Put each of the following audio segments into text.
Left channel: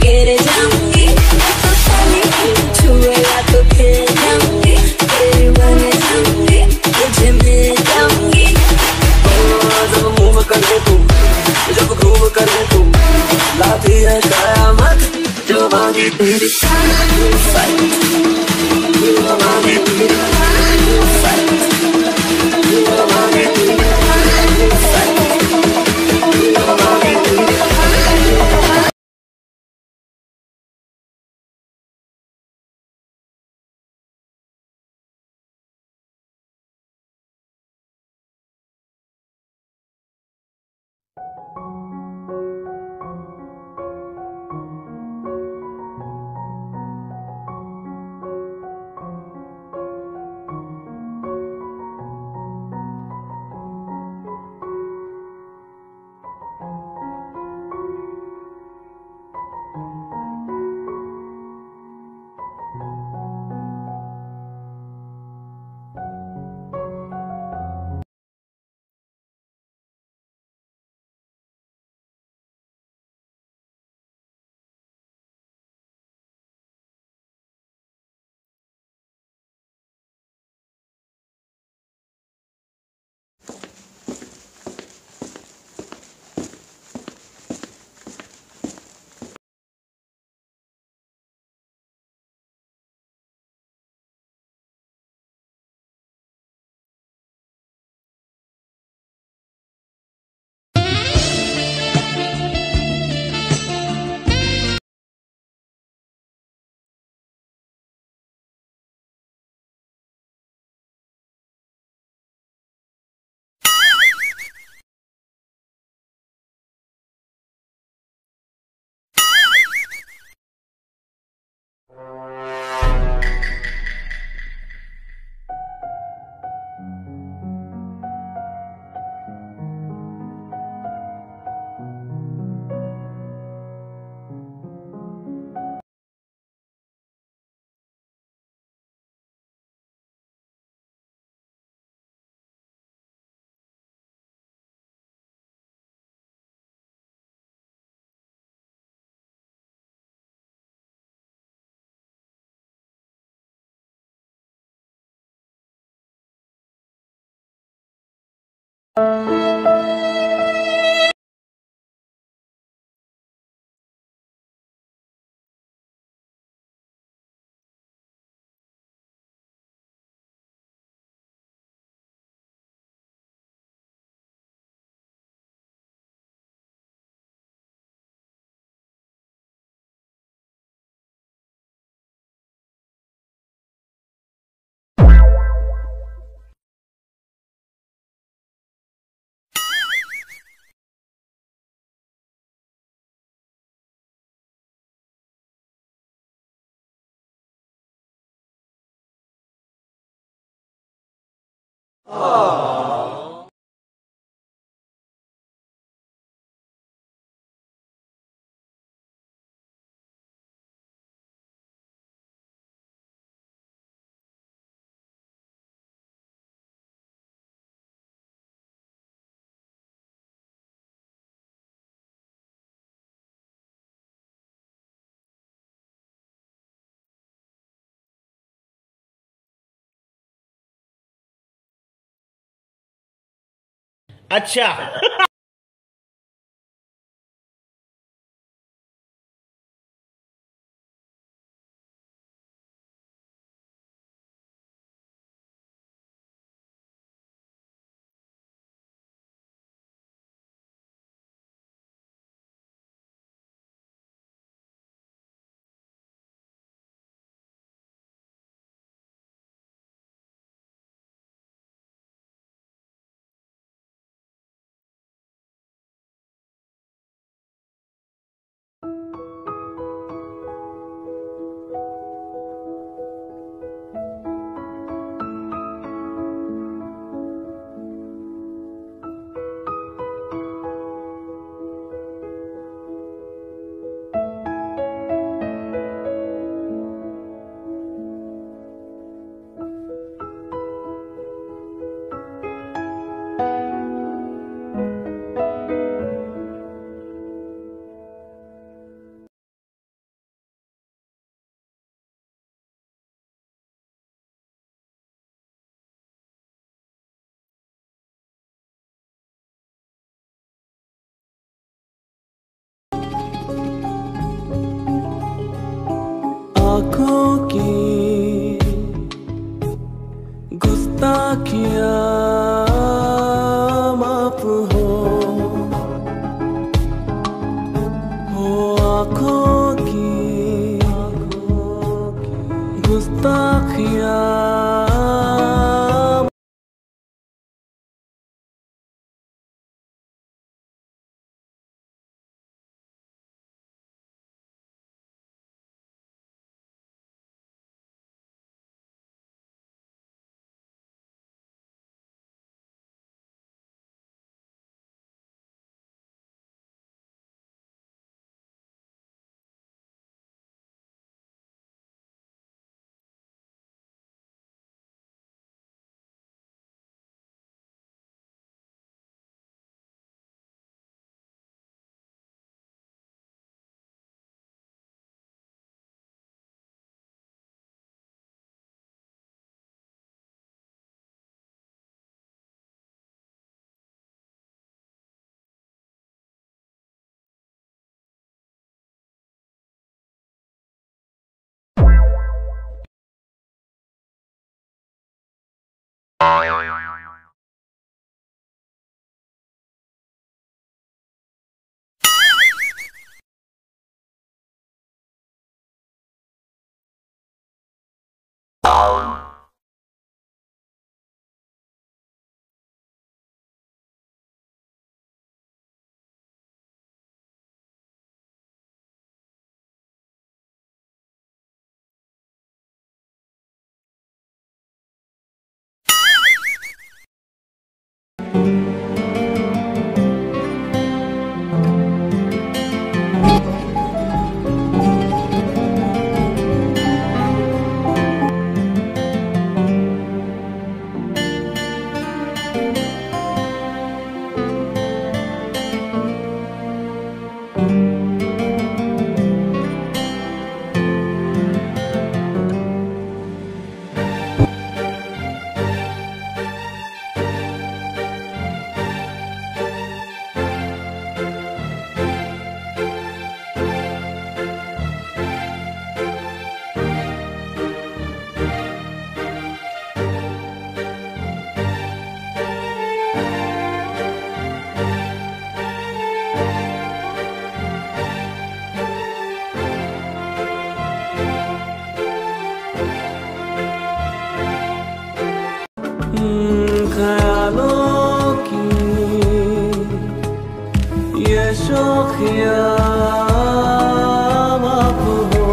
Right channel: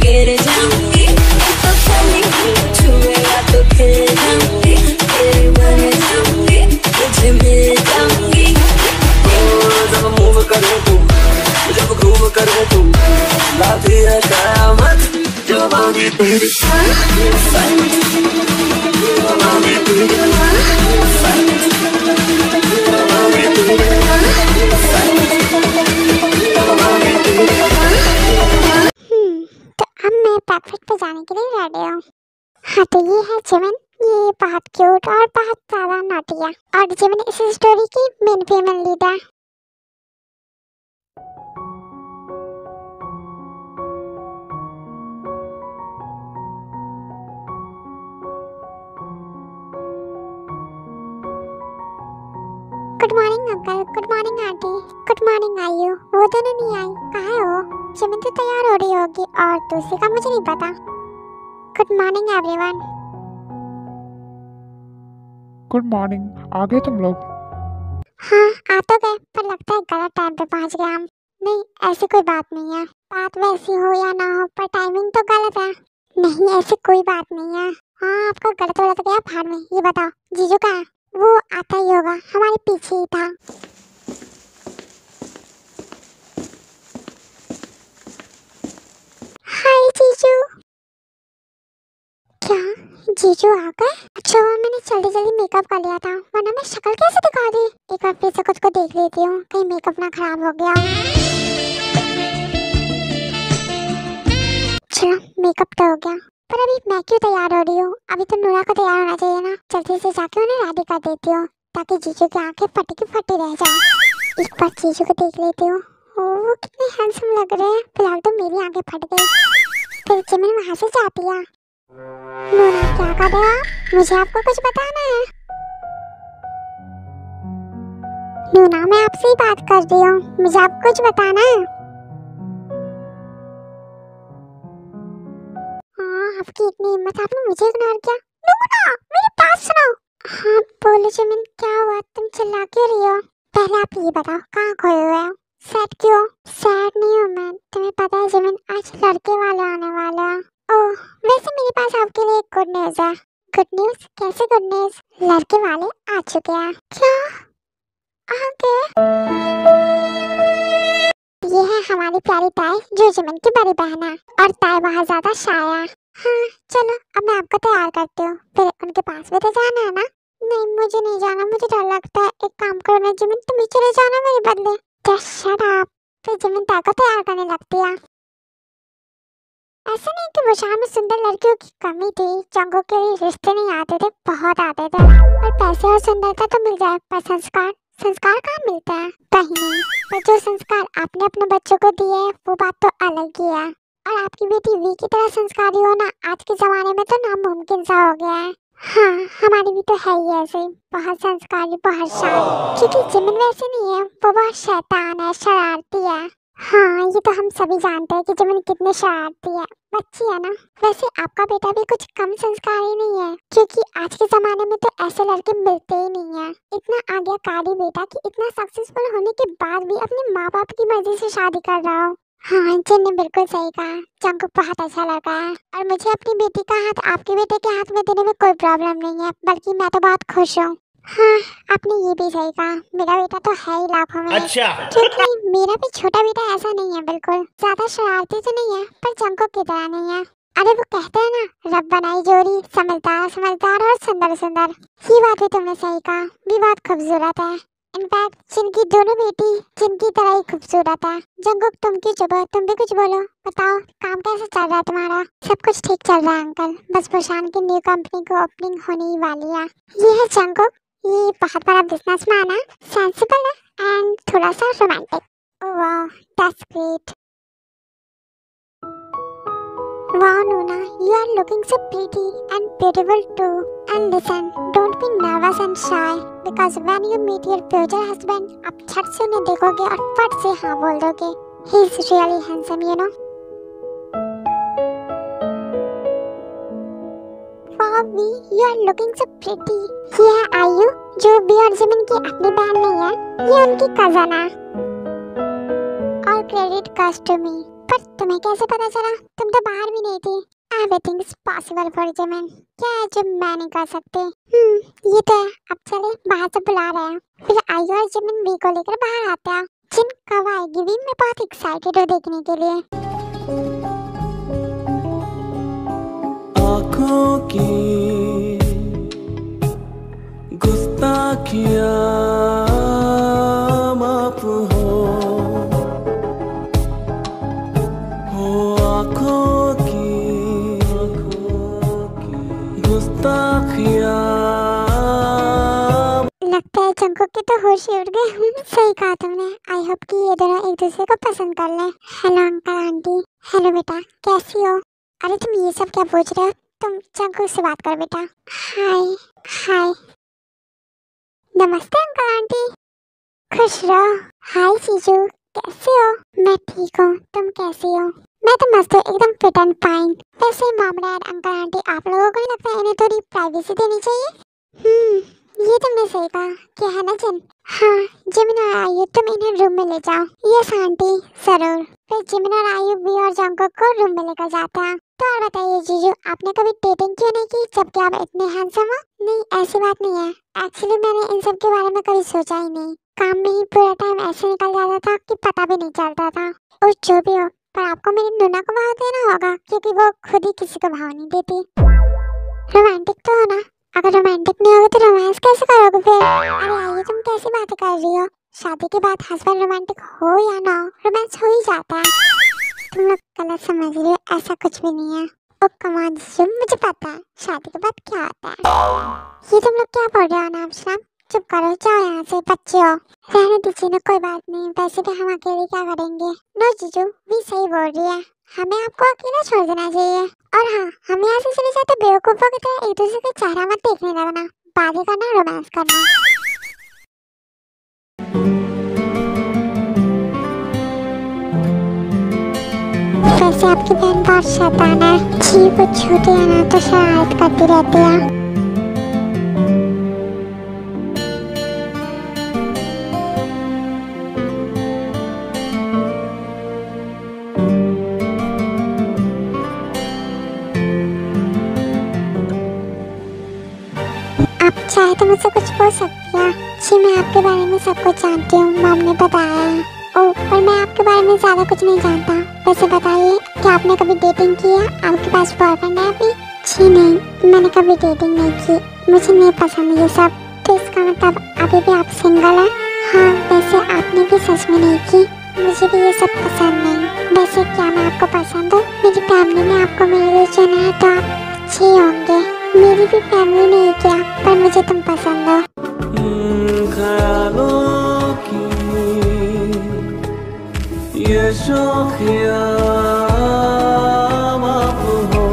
गिर जाऊंगी, तो खाली छुएगा तो खिल जाऊंगी, तेरी बन जाऊंगी, तुझे मिल जाऊंगी। जब मूव करे तू, जब ग्रूव करे तू, लाती है कयामत जवानी तेरी, जवानी तेरी, जवानी तेरी, जवानी तेरी। तो अब मैं ब्रेकफास्ट पे जाने के लिए रेडी हूँ। हाँ तो ये है जिमिन, ये बहुत क्यूट और बहुत ज्यादा नॉटी है और जिमिन इस स्टोरी की मेन फीमेल लीड है। Good morning uncle, good morning aunty, good morning आयु। वो दोनों नहीं आई, कहाँ हो? जिमिन तो तैयार हो रही होगी और दूसरी का मुझे नहीं पता। Good morning everyone. Good morning, आ गए तुम लोग? हाँ आ तो गए, पर लगता है गलत टाइम पे पहुंच गए हम। नहीं ऐसी कोई बात नहीं है, बात वैसी हो या ना हो पर टाइमिंग तो गलत है। नहीं ऐसी कोई बात नहीं है। हाँ आपका गलत हो गया भाड़ में। ये बताओ जीजू कहाँ है? वो आता ही होगा, हमारे पीछे ही था। हाय जीजू। क्या जीजू आ गए? अच्छा हुआ मैंने जल्दी जल्दी मेकअप कर लिया था, वरना मैं शक्ल कैसे दिखा दी। एक बार फिर से खुद को देख लेती हूँ, कहीं मेकअप ना खराब हो गया। चलो मेकअप तो हो गया, पर अभी मैं क्यों तैयार हो रही हूँ? अभी तो नूरा को तैयार होना चाहिए ना। जल्दी से जाके उन्हें रेडी कर देती हूँ ताकि जीजू की आंखें फटी की फटी रह जाए। एक बार जीजू को देख लेती हूँ। ओह कितने हैंडसम लग रहे हैं। फिलहाल तो मेरी आंखें फट गई, फिर जिमिन वहाँ से जाती है। नूरा क्या कर रहे हो? मुझे आपको कुछ बताना है। नूरा मैं आपसे ही बात कर रही हूँ, मुझे आपको कुछ बताना है। आपकी इतनी हिम्मत, आपने मुझे इग्नोर किया। नूरा मेरी बात सुनो। हाँ बोलो जिमिन, क्या हुआ? तुम चिल्ला क्यों रही हो? पहले आप ये बताओ कहाँ खोए हुए हो? सैड क्यों? सैड नहीं हूँ मैं, तुम्हें पता है जिमिन आज लड़के वाले आने वाले हैं। ओह वैसे मेरे पास आपके लिए एक गुड न्यूज है। Good news? कैसे गुड न्यूज? लड़के वाले आ चुके हैं। क्या आ गए? ये है हमारी प्यारी ताई जो जिमिन की बड़ी बहन है, और ताई बहुत ज्यादा शाय है। हाँ चलो अब मैं आपको तैयार करती हूँ, फिर उनके पास भी तो जाना है ना। नहीं मुझे नहीं जाना, मुझे डर लगता है। एक काम करो ना जिमिन, तुम ही चले जाना मेरे बदले। Just shut up. फिर जिमिन ताई को तैयार करने लगती है। ऐसा नहीं कि बुशान में सुंदर लड़कियों की कमी थी, जंगों के लिए रिश्ते नहीं आते थे, बहुत आते थे। और पैसे और सुंदरता तो मिल जाए, पर संस्कार संस्कार कहाँ मिलते हैं? कहीं नहीं। पर जो संस्कार आपने अपने बच्चों को दिए वो बात तो अलग ही है। और आपकी बेटी वी की तरह संस्कारी होना आज के जमाने में तो नामुमकिन सा हो गया है। हाँ हमारी भी तो है ही ऐसे, बहुत संस्कारी, बहुत शांत। क्योंकि जिमिन वैसे नहीं है, वो बहुत शैतान है, शरारती है। हाँ ये तो हम सभी जानते हैं कि जिमिन कितनी शरारती है, बच्ची है ना। वैसे आपका बेटा भी कुछ कम संस्कारी नहीं है, क्योंकि आज के जमाने में तो ऐसे लड़के मिलते ही नहीं है। इतना आज्ञाकारी बेटा कि इतना सक्सेसफुल होने के बाद भी अपने माँ बाप की मर्जी से शादी कर रहा हो। हाँ जिन ने बिल्कुल सही कहा, जंग बहुत अच्छा लगा है। और मुझे अपनी बेटी का हाथ आपके बेटे के हाथ में देने में कोई प्रॉब्लम नहीं है, बल्कि मैं तो बहुत खुश हूँ। हाँ आपने ये भी सही कहा, मेरा बेटा तो है ही लाखों में। अच्छा क्योंकि मेरा भी छोटा बेटा ऐसा नहीं है, बिल्कुल ज्यादा शरारती तो नहीं है, पर जंको की तरह नहीं है। अरे वो कहते हैं ना, रब बनाई जोड़ी, समझदार समझदार और सुंदर सुंदर। ये बात भी तुमने सही कहा, भी बहुत खूबसूरत है। इनफैक्ट जिनकी दोनों बेटी जिनकी तरह ही खूबसूरत है। जंगुक तुम क्यों चुप हो? तुम भी कुछ बोलो, बताओ काम कैसे चल रहा है तुम्हारा? सब कुछ ठीक चल रहा है अंकल, बस बुशान की न्यू कंपनी को ओपनिंग होने ही वाली है। ये है जंगुक, ये बहुत बड़ा बिजनेसमैन है, सेंसिबल है एंड थोड़ा सा romantic. Oh wow that's great. Wow Nuna, you are looking so pretty and beautiful too. And listen, don't be nervous and shy because when you meet your future husband, आप झट से उन्हें देखोगे और फट से हाँ बोल दोगे। He is really handsome, you know. Wow V, you are looking so pretty. ये है आयु, जो बी और जिमिन की अपनी बहन नहीं है, ये उनकी कजन है। All credit goes to me. पर तुम्हें कैसे पता चला? तुम तो बाहर भी नहीं थी। Everything is possible for Jimin. क्या है जो मैं नहीं कर सकती? ये तो है। अब चले, बाहर से बुला रहे हैं, फिर आई और जिमिन वी को लेकर बाहर आते हैं। जिन कब आएगी भी, मैं बहुत एक्साइटेड हूँ देखने के लिए। आँखों की गुस्ताखियाँ माफ हो आँखों की गुस्ताखियाँ। लगता है जंकुक के तो होश ही उड़ गए। सही कहा तुमने। आई होप कि ये दोनों एक दूसरे को पसंद कर लें। Hello uncle aunty. हेलो बेटा, कैसी हो? अरे तुम ये सब क्या पूछ रहे हो? तुम जंकुक से बात कर बेटा। हाय हाय। नमस्ते अंकल आंटी। खुश रहो। हाय जीजू, कैसे हो? मैं ठीक हूँ, तुम कैसी हो? मैं तो मस्त हूँ, एकदम फिट एंड फाइन। वैसे मामला है अंकल आंटी, आप लोगों को नहीं लगता है इन्हें थोड़ी प्राइवेसी देनी चाहिए? ये तुमने सही कहा। क्या है ना जिन? हाँ, जिमिन और आयु तुम इन्हें रूम में ले जाओ। यस आंटी, जरूर। फिर जिमिन और आयु भी और जंकुक को रूम में लेकर जाते हैं। तो और बताइए जीजू, आपने कभी डेटिंग क्यों नहीं की जबकि आप इतने हैंडसम हो? नहीं, ऐसी बात नहीं है। एक्चुअली मैंने इन सब के बारे में कभी सोचा ही नहीं। काम में ही पूरा टाइम ऐसे निकल जाता था कि पता भी नहीं चलता था। और जो भी हो, पर आपको मेरी नूना को भाव देना होगा क्योंकि वो खुद ही किसी को भाव नहीं देती। रोमांटिक तो हो ना? अगर रोमांटिक नहीं होगा तो रोमांस कैसे करोगे फिर? अरे ये तुम कैसी बातें कर रही हो? शादी के बाद हस्बैंड रोमांटिक हो या ना हो, रोमांस हो ही जाता है। तुम लोग गलत समझ रही हो, ऐसा कुछ भी नहीं है। ओ कमान जीजू, मुझे पता है शादी के बाद क्या होता है। ये तुम लोग क्या बोल रहे हो नाम शराब? चुप करो, जाओ यहाँ से, बच्चे हो। रहने दीजिए ना, कोई बात नहीं। वैसे भी हम अकेले क्या करेंगे? नो जीजू, भी सही बोल रही है। हमें आपको अकेला छोड़ देना चाहिए। और हाँ, हम यहाँ से चले जाते बेवकूफों की तरह एक दूसरे का चेहरा मत देखने लगना। बातें करना, रोमांस करना। वैसे आपकी बहन बहुत शैतान है जी। वो छोटी है ना तो शरारत करती रहती है। चाहे तो मुझसे कुछ बोल सकती हैं जी। मैं आपके बारे में सब कुछ जानती हूँ, मॉम ने बताया है। ओह, पर मैं आपके बारे में ज़्यादा कुछ नहीं जानता। वैसे बताइए, क्या आपने कभी डेटिंग की है? आपके पास बॉयफ्रेंड है अभी? जी नहीं, मैंने कभी डेटिंग नहीं की। मुझे नहीं पसंद ये सब। तो इसका मतलब अभी भी आप सिंगल हैं? हाँ, वैसे आपने भी सच में नहीं की। मुझे भी ये सब पसंद नहीं। वैसे क्या मैं आपको पसंद हूँ? मेरी फैमिली ने आपको मेरे लिए चुना है तो आप अच्छे होंगे। मेरी भी फैमिली नहीं किया, पर मुझे तुम पसंद हो। ख्यालों की ये शौकियाँ माफ हो।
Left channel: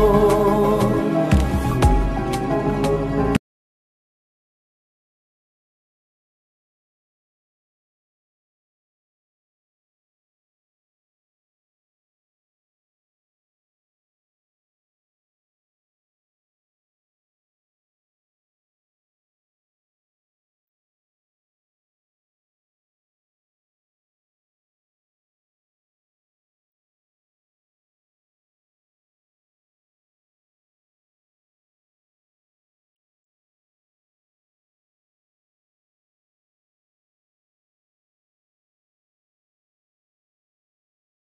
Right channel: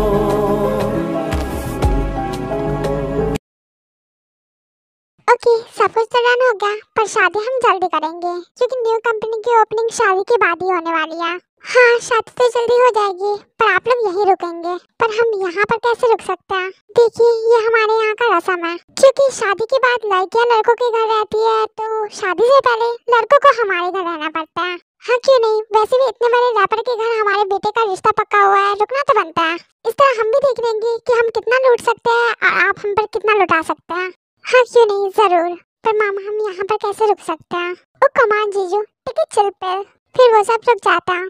ओके, सब कुछ तो डन हो गया, पर शादी हम जल्दी करेंगे क्योंकि न्यू कंपनी की ओपनिंग शादी के बाद ही होने वाली है। हाँ, शादी तो जल्दी हो जाएगी, पर आप लोग यहीं रुकेंगे। पर हम यहाँ पर कैसे रुक सकते हैं? देखिए, ये हमारे यहाँ का रस्म है। क्योंकि शादी के बाद लड़कियाँ लड़कों के घर रहती है, तो शादी से पहले लड़कों को हमारे घर रहना पड़ता है। हाँ, क्यों नहीं? वैसे भी इतने बड़े रैपर के घर हमारे बेटे का रिश्ता पक्का हुआ है, रुकना तो बनता है। इस तरह हम भी देख लेंगे कि हम कितना लूट सकते हैं और आप हम पर कितना लुटा सकते हैं। हाँ, क्यों नहीं, जरूर। पर मामा, हम यहाँ पर कैसे रुक सकते हैं? ओ कमान जीजू, टिकट चिल पे। फिर वो सब रुक जाता है।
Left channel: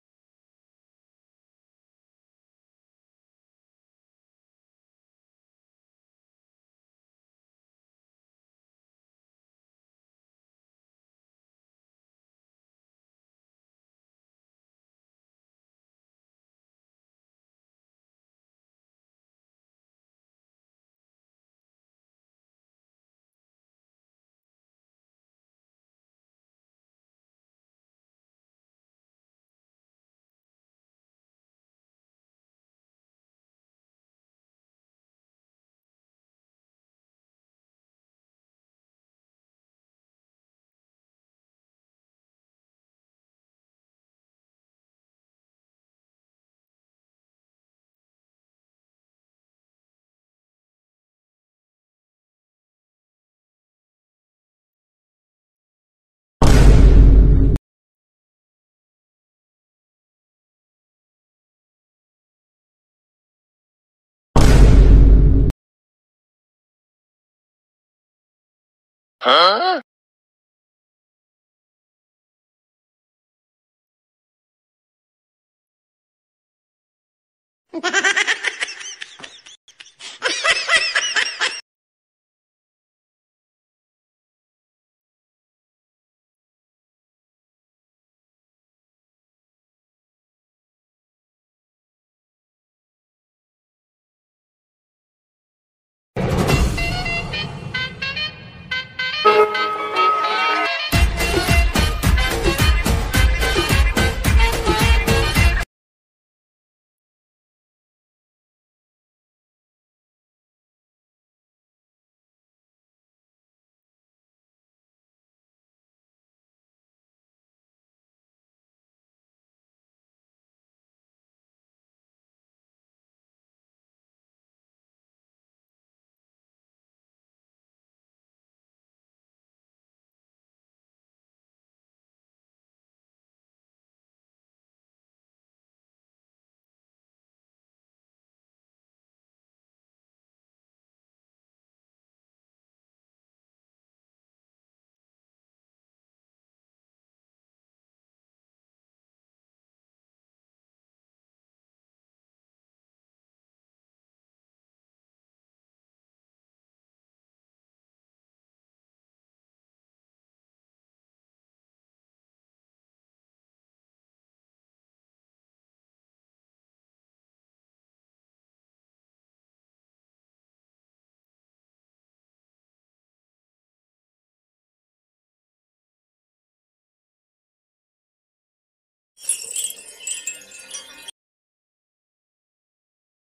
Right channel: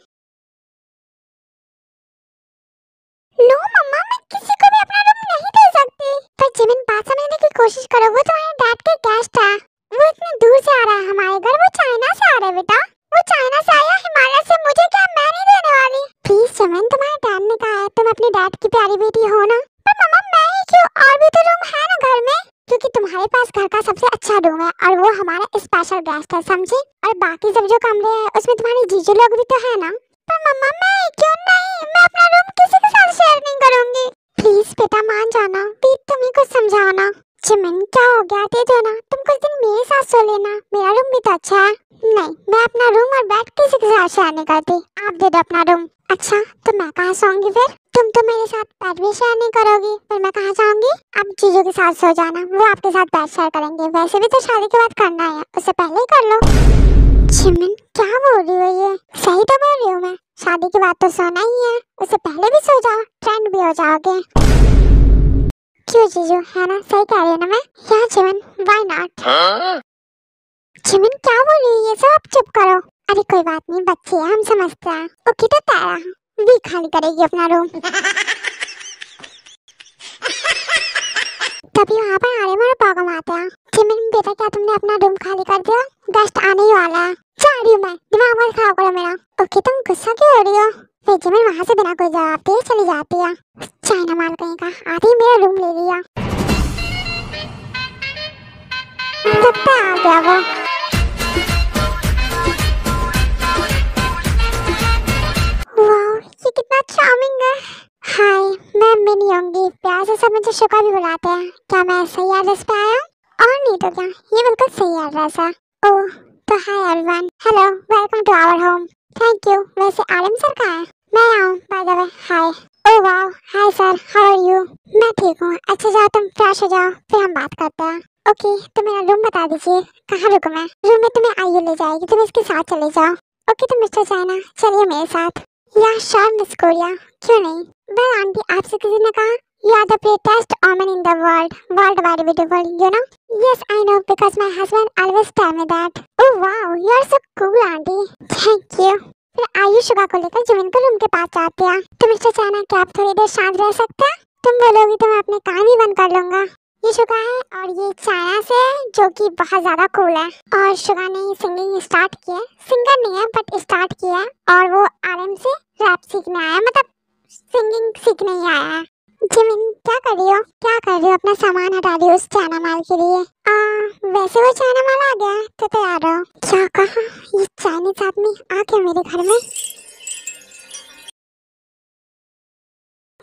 नो मम्मा, मैं किसी को भी अपना रूम नहीं दे सकती। पर जिमिन, बात समझने की कोशिश करो। वो तुम्हारे डैड के गेस्ट है। वो इतने दूर से आ रहा है हमारे घर। वो चाइना से आ रहा है बेटा। वो चाइना से आया, हिमालय से। मुझे क्या, मैं नहीं देने वाली। प्लीज जिमिन, तुम्हारे डैड ने कहा है तुम अपने डैड की प्यारी बेटी हो ना। पर मम्मा, मैं ही क्यों? और भी तो रूम है ना घर में। क्योंकि तुम्हारे पास घर का सबसे अच्छा रूम है और वो हमारा स्पेशल गेस्ट है, समझी? और बाकी सब जो कमरे हैं उसमें तुम्हारी जीजू लोग भी तो है ना। पर मम्मा, मैं क्यों नहीं? मैं अपना रूम किसी के साथ शेयर नहीं करूंगी। प्लीज बेटा, मान जाना। प्लीज तुम ही कुछ समझाओ ना। जिमिन, क्या हो गया? दे दो ना। तुम कुछ दिन मेरे साथ सो लेना। मेरा रूम भी तो अच्छा है। नहीं, मैं अपना रूम और बेड किसी के साथ शेयर नहीं करती। आप दे दो अपना रूम। अच्छा, तो मैं कहाँ सोऊंगी फिर? तुम तो मेरे साथ बेड भी शेयर नहीं करोगी, पर मैं कहाँ जाऊंगी? आप जीजू के साथ सो जाना, वो आपके साथ बेड शेयर करेंगे। वैसे भी तो शादी के बाद करना है, उससे पहले ही कर लो। जिमिन क्या बोल रही हो ये? सही तो बोल रही हूँ मैं। शादी के बाद तो सोना ही है, उससे पहले भी सो जाओ, ट्रेंड भी हो जाओगे। क्यों जीजू, है ना? सही कह रही हूँ ना मैं? या जिमिन, व्हाई नॉट? जिमिन क्या बोल रही है ये सब? आप चुप करो। अरे कोई बात नहीं, बच्चे हैं, हम समझते हैं। ओके तो तारा भी खाली करेगी अपना रूम। तभी वहाँ पर आर्यन और पागम आते हैं। जिमिन बेटा, क्या तुमने अपना रूम खाली कर दिया? गेस्ट आने ही वाला है। जा रही हूँ मैं, दिमाग मत खराब करो मेरा। ओके तुम गुस्सा क्यों हो रही हो? फिर जिमिन वहाँ से बिना कोई जवाब दिए चली जाती है। चाइना माल कहीं का, आते ही मेरा रूम ले लिया। लगता है आ गया वो। वाह, ये कितना चार्मिंग है। हाय, मैं मिनी होंगी, प्यार से सब मुझे शुका भी बुलाते हैं। क्या मैं सही एड्रेस पे आया हूँ? और नहीं तो क्या, ये बिल्कुल सही एड्रेस है। ओह, तो hi everyone, hello, welcome to our home. Thank you. वैसे आलम सर कहाँ है? मैं आऊँ, by the way. Hi. Oh वाह, hi sir, how are you? मैं ठीक हूँ। अच्छा जाओ, तुम फ्रेश हो जाओ, फिर हम बात करते हैं। ओके, तो मेरा रूम बता दीजिए, कहाँ रुकूं मैं? रूम में तुम्हें आइए ले जाएगी, तुम इसके साथ चले जाओ। ओके तो मिस्टर चाइना, चलिए मेरे साथ। या श्योर मिस कोरिया, क्यों नहीं? वेल आंटी, आपसे किसी ने कहा you are the prettiest woman in the world, worldwide beautiful, you know? Yes, I know because my husband always tell me that. Oh wow, you are so cool, auntie. Thank you. फिर Ayush Suga को लेकर Jimin को room के पास जाती है। तो mister China, क्या आप थोड़ी देर शांत रह सकते हैं? तुम बोलोगी तो मैं अपने कान ही बंद कर लूंगा। ये शुगा है और ये चाइना से है, जो कि बहुत ज्यादा कूल है। और शुगा ने सिंगिंग स्टार्ट की है, सिंगर नहीं है बट स्टार्ट किया है, और वो आरएम से रैप सीखने आया, मतलब सिंगिंग सीखने ही आया है। जिमिन क्या कर रही हो? क्या कर रही हो? अपना सामान हटा रही हो उस चाइना माल के लिए? वैसे वो चाइना माल आ गया तो तैयार रहो। क्या कहा? ये चाइनीज आदमी आ गया मेरे घर में?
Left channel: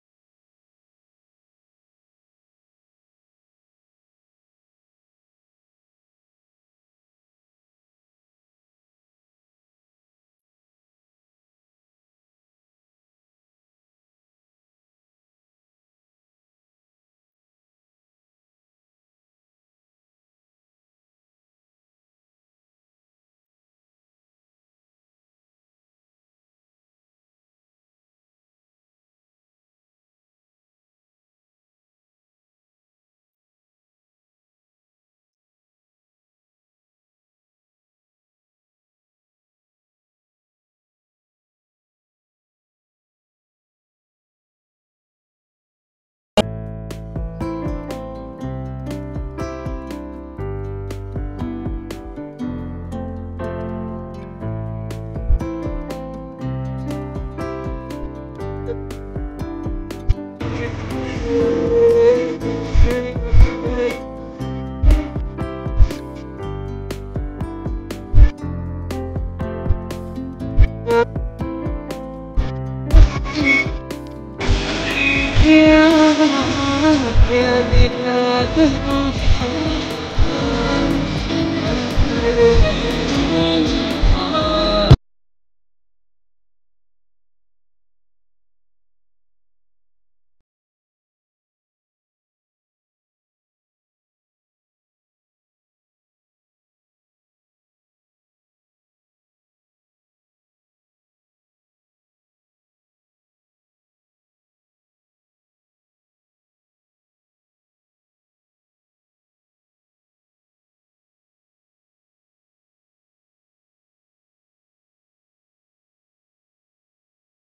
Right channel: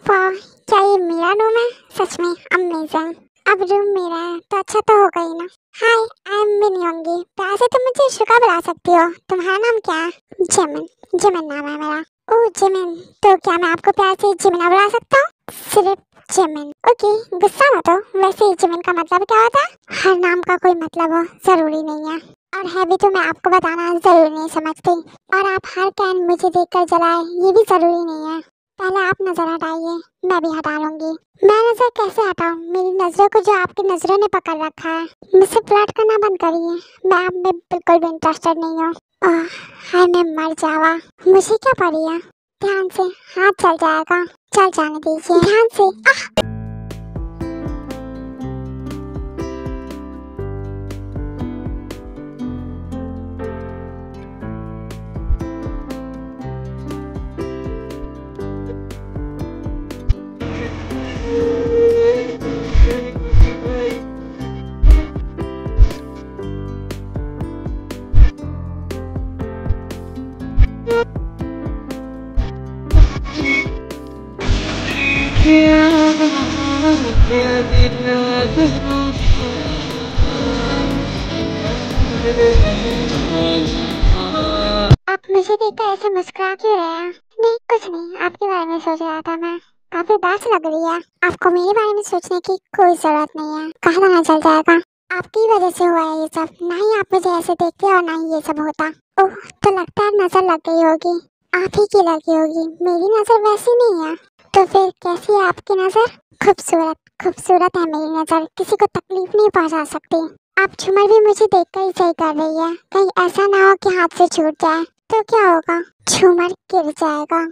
वाह, क्या ये मेरा रूम है? सच में अमेजिंग। अब रूम मेरा है तो अच्छा तो होगा ही ना। हाय, आई एम मिनी होंगी, प्यार से तुम मुझे शुका बुला सकती हो। तुम्हारा नाम क्या है? जिमिन। जिमिन नाम है मेरा। ओह जिमिन, तो क्या मैं आपको प्यार से जिमिना बुला सकता हूँ? सिर्फ जिमिन। ओके, गुस्सा मत हो। वैसे जिमिन का मतलब क्या होता है? हर नाम का कोई मतलब हो जरूरी नहीं है, और है भी तो मैं आपको बताना जरूरी नहीं समझती। और आप हर कैन मुझे देखकर जलाए, ये भी जरूरी नहीं है। पहले आप नजर हटाइए, मैं भी हटा लूंगी। मैं नजर कैसे हटाऊं? मेरी नजरों को जो आपकी नजरों ने पकड़ रखा है। मुझसे फ्लर्ट करना बंद करिए, मैं आप में बिल्कुल भी इंटरेस्टेड नहीं हूँ। हाय, मैं मर जावा, मुझे क्या पड़ी है? ध्यान से, हाथ चल जाएगा, चल जाने दीजिए, ध्यान से। आप मुझे देखकर ऐसे मुस्कुरा क्यों रहे हैं? नहीं कुछ नहीं, आपके बारे में सोच रहा था मैं। काफी उदास लग रही है। आपको मेरे बारे में सोचने की कोई जरूरत नहीं है, कहा ना चल जाएगा। आपकी वजह से हुआ है ये सब, ना ही आप मुझे ऐसे देखते और ना ही ये सब होता। ओह, तो लगता है नजर लग गई होगी। आप ही की लगी होगी, मेरी नजर वैसी नहीं है। तो फिर कैसी है आपकी नजर? खूबसूरत। खूबसूरत है मेरी नजर, किसी को तकलीफ नहीं पहुंचा सकती। आप झूमर भी मुझे देखकर ही सही कर रही है, कहीं ऐसा ना हो कि हाथ से छूट जाए, तो क्या होगा? झूमर गिर जाएगा।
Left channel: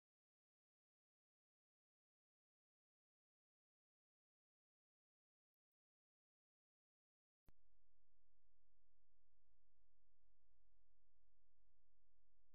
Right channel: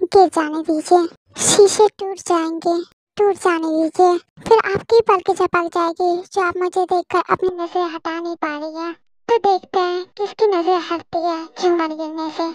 गिर जाने दीजिए, शीशे टूट जाएंगे, टूट जाने दीजिए। फिर आपकी पलकें झपक जाएगी, जो आप मुझे देखकर अपनी नजर हटा नहीं पा रही है। तो देखते हैं किसकी नजर हटती है झूमर गिरने से।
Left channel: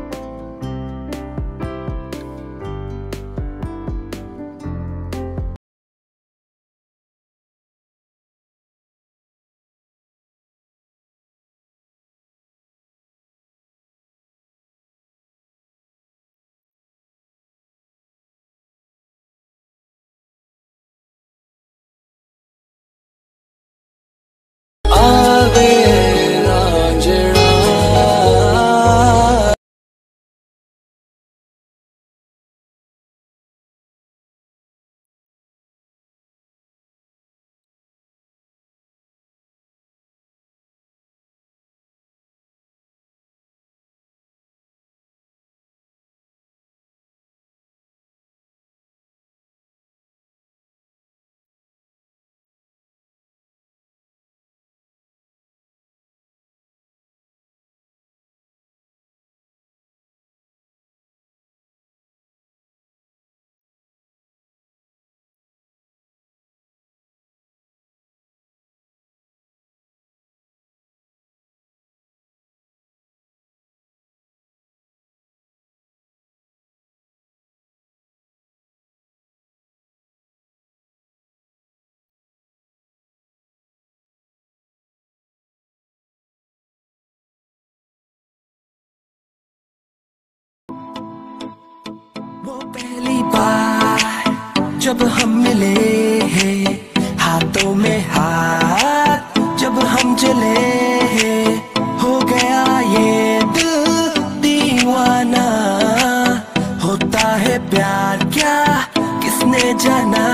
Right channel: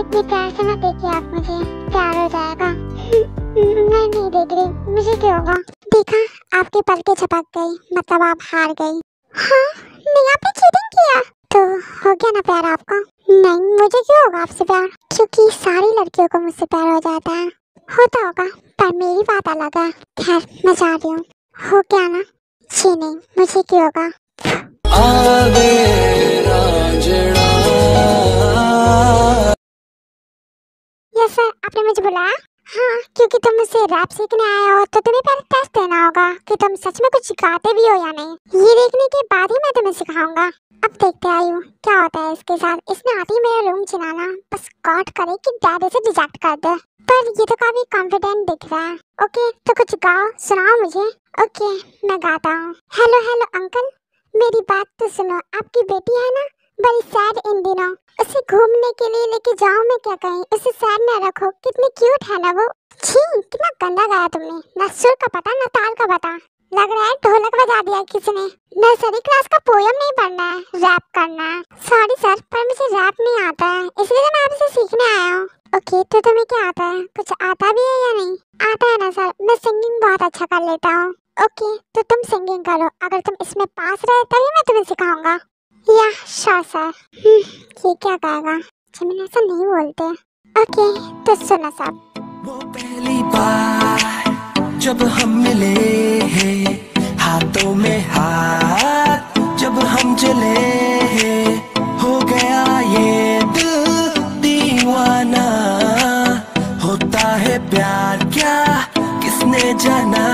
इतने प्यार से मत देखिए आप मुझे, प्यार हो जाएगा। मैं नहीं देख रही, मुझे क्या होगा? देखा, आपकी पलकें झपक गई, मतलब आप हार गई। हाँ, नहीं आपने चीटिंग किया तो हो गया ना प्यार आपको? नहीं, मुझे क्यों होगा आपसे प्यार? क्योंकि सारी लड़कियों को मुझसे प्यार हो जाता है। होता होगा, पर मेरी बात अलग है। खैर मैं जा रही हूँ। हो क्या ना? जी नहीं, मुझे क्यों होगा? यस सर, आपने मुझे बुलाया? हाँ, क्योंकि तुम मुझसे रैप सीखने आए हो तो तुम्हें पहले टेस्ट देना होगा कि तुम सच में कुछ गाते भी हो या नहीं। ये देखने के बाद ही मैं तुम्हें सिखाऊंगा। अब देखते आयु क्या होता है इसके साथ। इसने आती ही मेरा रूम चिनाना, बस गॉड करे कि डैड इसे रिजेक्ट कर दे। पर ये तो काफी कॉन्फिडेंट दिख रहा है। ओके, तो कुछ गाओ, सुनाओ मुझे। ओके, मैं गाता हूँ। हेलो हेलो अंकल, मेरी बात तो सुनो। आपकी बेटी है ना, बड़ी सैड इन दिनों। उसे घूमने के लिए लेके जाओ, मैं क्या कहीं। उसे सैड न रखो, कितनी क्यूट है ना वो। छी, कितना गंदा गाया तुमने। ना सुर का पता ना ताल का पता। लग रहा है ढोलक बजा दिया किसी ने। नर्सरी क्लास का पोयम नहीं पढ़ना है, रैप करना है। सॉरी सर, पर मुझे रैप नहीं आता है, इसलिए तो मैं आपसे सीखने आया हूँ। ओके, तो तुम्हें क्या आता है? कुछ आता भी है या नहीं? आता है ना सर, मैं सिंगिंग बहुत अच्छा कर लेता हूँ। ओके, तो तुम सिंगिंग करो। अगर तुम इसमें पास रहे तभी मैं तुम्हें सिखाऊंगा। या श्योर सर। ये क्या गाएगा? मैंने ऐसा नहीं बोलते। ओके, तो सुनो सब। वो पहली बार जब हम मिले हैं, हाथों में हाथ जब हम चले हैं, हो गया ये दिल दीवाना। होता है प्यार क्या किसने जाना।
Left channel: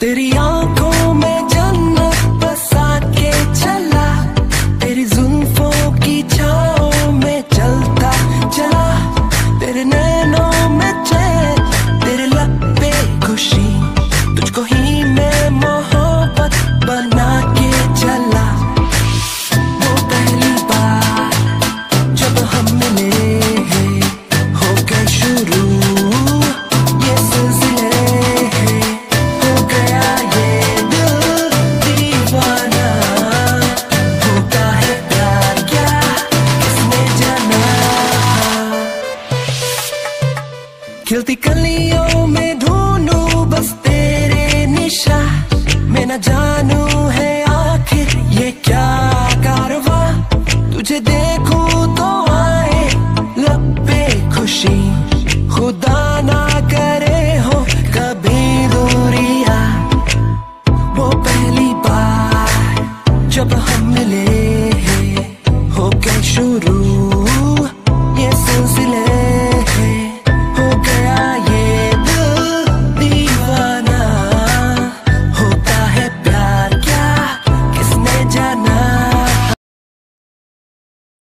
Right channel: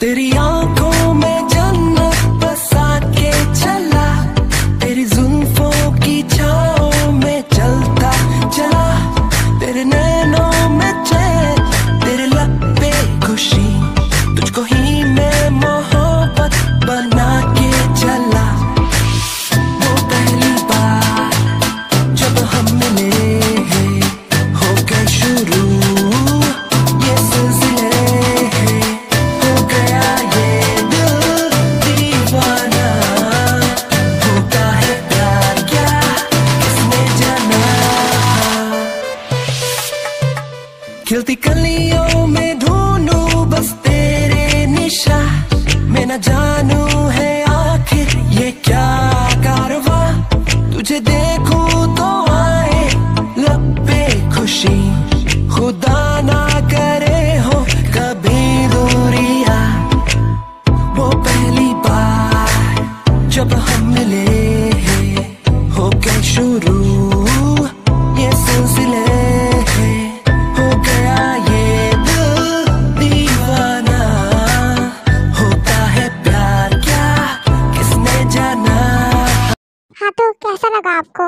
तेरी आंखों में जन्नत बसा के चला, तेरी जुल्फों की छाओं में चलता चला। तेरे नैनों में चैन, तेरे लब पे खुशी, तुझको ही मैं मोहब्बत बना के चला। वो पहली बार जब हम मिले हैं, हो गए शुरू ये सिलसिले हैं। हो गया ये दिल दीवाना। होता है प्यार क्या किसने जाना। खिलती कलियों में ढूंढूं बस तेरे निशा, मैं न जानू है आखिर ये क्या कारवा। तुझे देखूं तो आए लब पे खुशी, खुदा ना करे हो कभी दूरिया। वो पहली बार जब हम मिले हैं, हो गए शुरू ये सिलसिले हैं। हो गया ये दिल दीवाना। होता है प्यार क्या किसने जाना। हाँ, तो कैसा लगा आपको?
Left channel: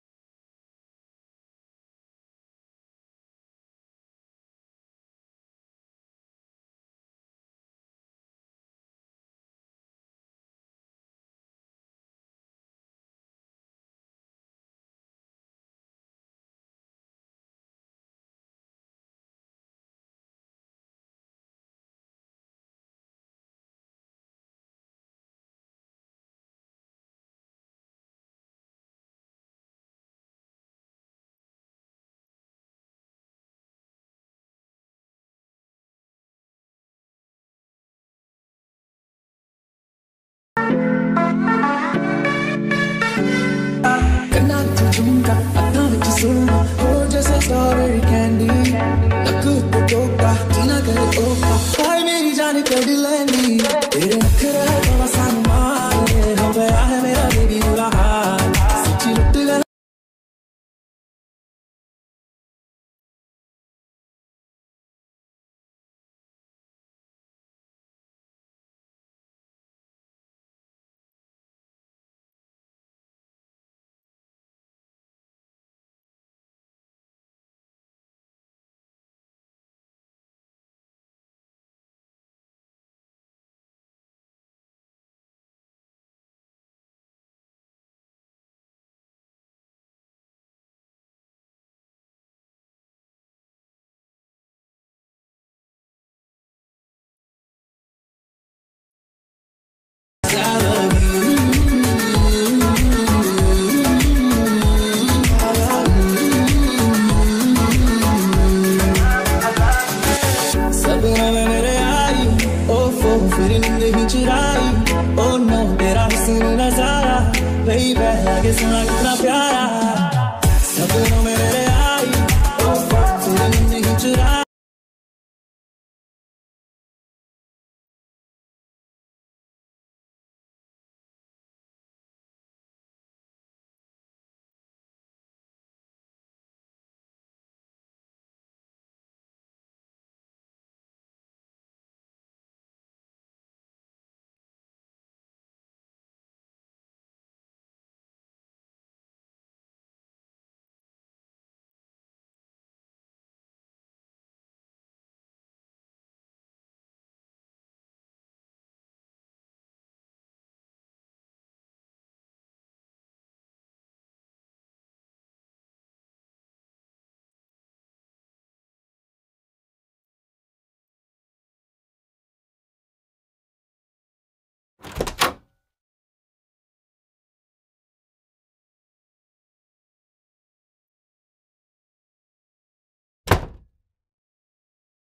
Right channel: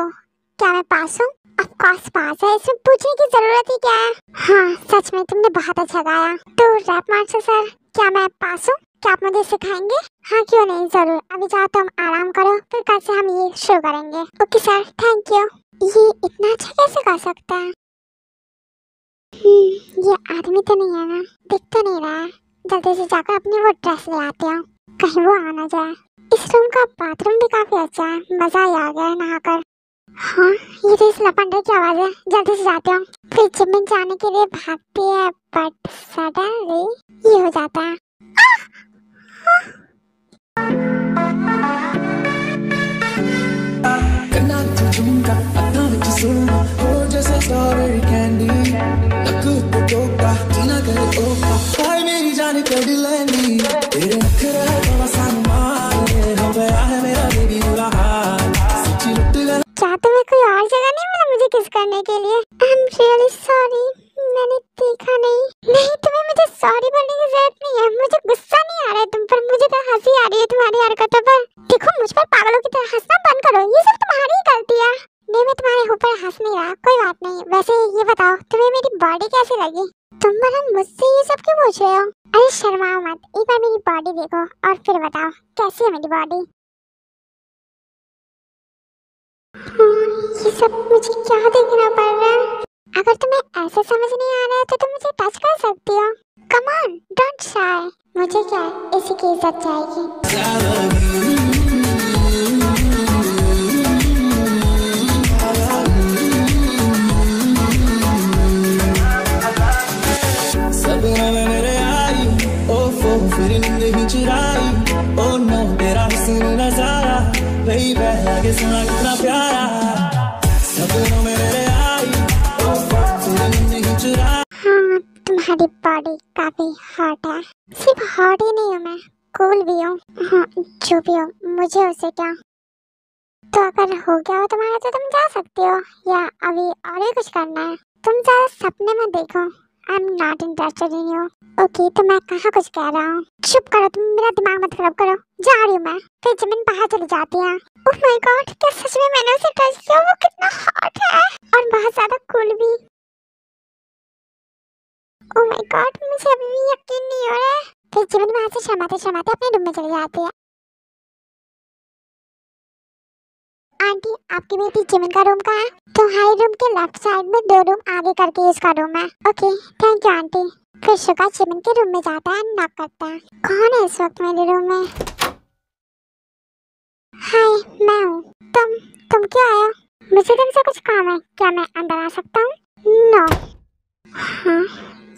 क्या मैं पास हूँ? ऑफ कोर्स पास है, इसमें पूछने की जरूरत ही क्या है। हाँ, सच में तुमने बहुत अच्छा गाया। तो रैप मास्टर सर, क्या मैं पास हूँ? क्या आप मुझे सिखाएंगे? हाँ क्यों नहीं, जरूर। अभी जाओ तुम आराम करो, फिर कल से हम ये शुरू करेंगे। Okay sir, thank you. ये इतना अच्छा कैसे गा सकता है? ये आदमी तो नहीं है ना? दिख तो नहीं रहा है। जल्दी से जाकर अपनी वो ड्रेस ले आते हैं, कहीं वो आ ना जाए। इस रूम का बाथरूम भी काफी अच्छा है, मजा ही आ गया नहाकर। हाँ, ये तो इस लपंडे की आवाज है। जल्दी से जाते हैं। फिर जिम में जाने के लिए भागती है, बट सडनली ये हो जाता है। करना तो झुमका अपना विच सुनना हो जैसे स्ट्रॉबेरी कैंडी। नक तो टोका जीना करे ओका, हाय मेरी जान कर लेंदी। तेरे नखरे तो आसान मारे, हो गया है मेरा बेबी बुरा हाल। सच्ची लुट गया। क्या तुम्हें कोई और जगह नहीं मिला मुझे किस करने के लिए? आई एम रियली सॉरी, मैंने देखा नहीं। नहीं, तुम्हें मुझे सॉरी बोलने की जरूरत नहीं है। मुझे गुस्सा नहीं आ रहा है तुम पर, मुझे तो हंसी आ रही है तुम्हारी हरकतों पर। देखो, मुझ पर पागलों की तरह हंसना बंद करो, ये सब तुम्हारी ही गलती है। नहीं, मैं तुम्हारे ऊपर हंस नहीं रहा, कोई बात नहीं। वैसे ये बताओ, तुम्हें मेरी बॉडी कैसी लगी? तुम भला मुझसे ये सब क्यों पूछ रहे हो? अरे शर्माओ मत, एक बार मेरी बॉडी देखो और फिर बताओ कैसी है मेरी बॉडी। ये सब मुझे क्या देखना पड़ रहा है? अगर तुम्हें ऐसे समझ नहीं आ रहा है तो तुम मुझे टच कर सकती हो। कम ऑन, डोंट शाय। मुझे क्या है, इसी की इज्जत जाएगी। सपनों में मेरे आई, ओफो फिर नींद ही चुराई। ओ नो, तेरा हुस्न नजारा बेबी, आगे सुना कितना प्यारा। सपनों में मेरे आई, ओफो भी हो। हाँ जो भी हो, मुझे उससे क्या। तो अगर हो गया हो तुम्हारा तो तुम जा सकती हो, या अभी और भी कुछ करना है? तुम ज्यादा सपने में देखो। I am not interested in you. Okay तो मैं कहाँ कुछ कह रहा हूँ। चुप करो, तुम मेरा दिमाग मत खराब करो। जा रही हूँ मैं। फिर जमीन बाहर चली जाती है। ओह माय गॉड, क्या सच में मैंने उसे टच किया? वो कितना हॉट है और बहुत ज्यादा कूल भी। ओह माय गॉड, मुझे अभी भी यकीन नहीं हो रहा है। फिर जमीन वहां से शर्माते शर्माते अपने रूम में चली जाती है। आंटी, आपकी बेटी जिमिन का रूम कहाँ है? तुम्हारे रूम के लेफ्ट साइड में 2 रूम आगे करके इसका रूम है। Okay thank you aunty. फिर शुगा जिमिन के रूम में जाता है, नॉक करता है। कौन है इस वक्त मेरे रूम में? हाय मैं हूँ। तुम क्यों आए हो? मुझे तुमसे कुछ काम है, क्या मैं अंदर आ सकता हूँ? नो। हाँ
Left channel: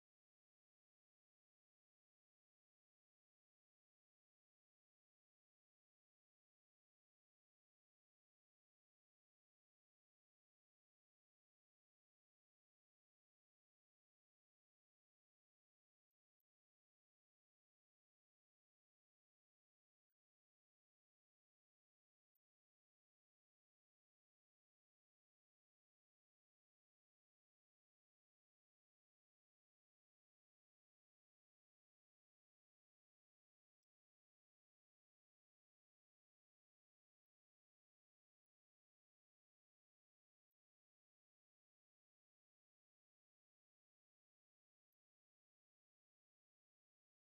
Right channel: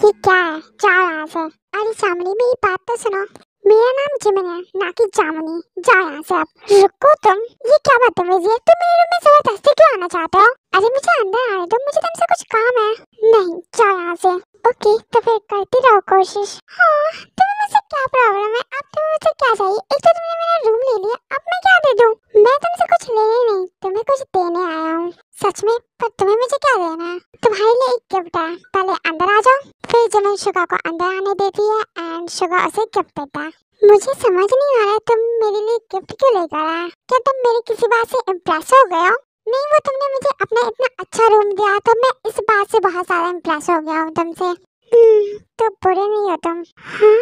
ये क्या है? जाओ यहाँ से। अरे चामनी, मेरी बात तो सुनो। मेरा नाम जिमिन है, ना कि जामुनी। जाओ यहाँ से आप। रुको तुम, ये क्या बदतमीजी है? तुम मेरे रूम में जबरदस्ती क्यों आना चाहते हो? अरे मुझे अंदर आने दो, मुझे तुमसे कुछ काम है। नहीं, जाओ यहाँ से। ओके तो फिर करती रहो कोशिश। हाँ तुम्हें मुझसे क्या प्रॉब्लम है? अब तुम्हें मुझसे क्या चाहिए? एक तो तुमने मेरा रूम ले लिया, अब मैं क्या दे दूँ? मैं तुमसे कुछ लेने नहीं, तुम्हें कुछ देने आया हूँ। सच में? पर तुम्हें मुझे क्या देना है? तुम्हारे लिए एक गिफ्ट है, पहले अंदर आ जाओ। फिर जिमिन शुगा को अंदर आने देती है एंड शुगा उसे गिफ्ट देता है। मुझे समझ नहीं आ रहा तुम मेरे लिए गिफ्ट क्यों लेकर आए? क्या तुम मेरी किसी बात से इम्प्रेस हो गए हो? नहीं, वो तुमने मुझे अपना इतना अच्छा रूम दिया तो मैं इस बात से बहुत ज्यादा इम्प्रेस हो गया हूँ तुमसे। तो बुरे नहीं हो तुम। हाँ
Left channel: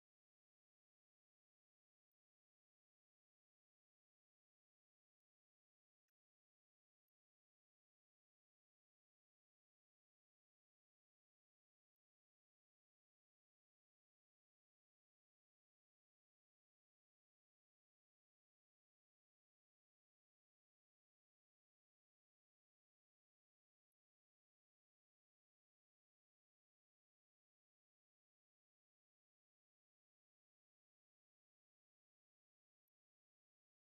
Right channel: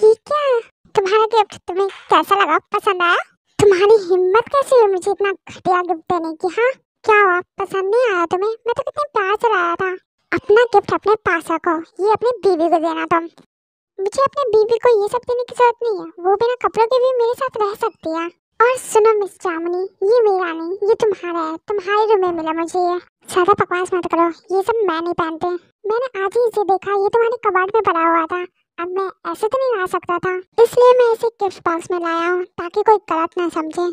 ये क्या है? तुम्हारा गिफ्ट तुम्हें कैसा लगा? पसंद आया? तुम्हारी हिम्मत कैसी हुई मुझे इतना घटिया गिफ्ट देने की? हाँ क्या हुआ, पसंद नहीं आया तुम्हें? मैं तो कितने प्यार से लाया था। अपना गिफ्ट अपने पास रखो, ये अपनी बीवी को देना तुम। मुझे अपने बीवी को ये सब देने की जरूरत नहीं है, वो बिना कपड़ों के भी मेरे साथ रह सकती है। और सुनो मिस जामुनी, ये मेरा नहीं, ये तुम्हारा है, तुम्हारे रूम में मिला मुझे ये। ज्यादा बकवास मत करो, ये सब मैं नहीं पहनते। मैंने आज ही इसे देखा, ये तुम्हारे कबाड़ में पड़ा हुआ था। अब मैं ऐसे तो नहीं ला सकता था, इसलिए मैं इसे गिफ्ट बॉक्स में लाया हूँ ताकि कोई गलत ना समझे।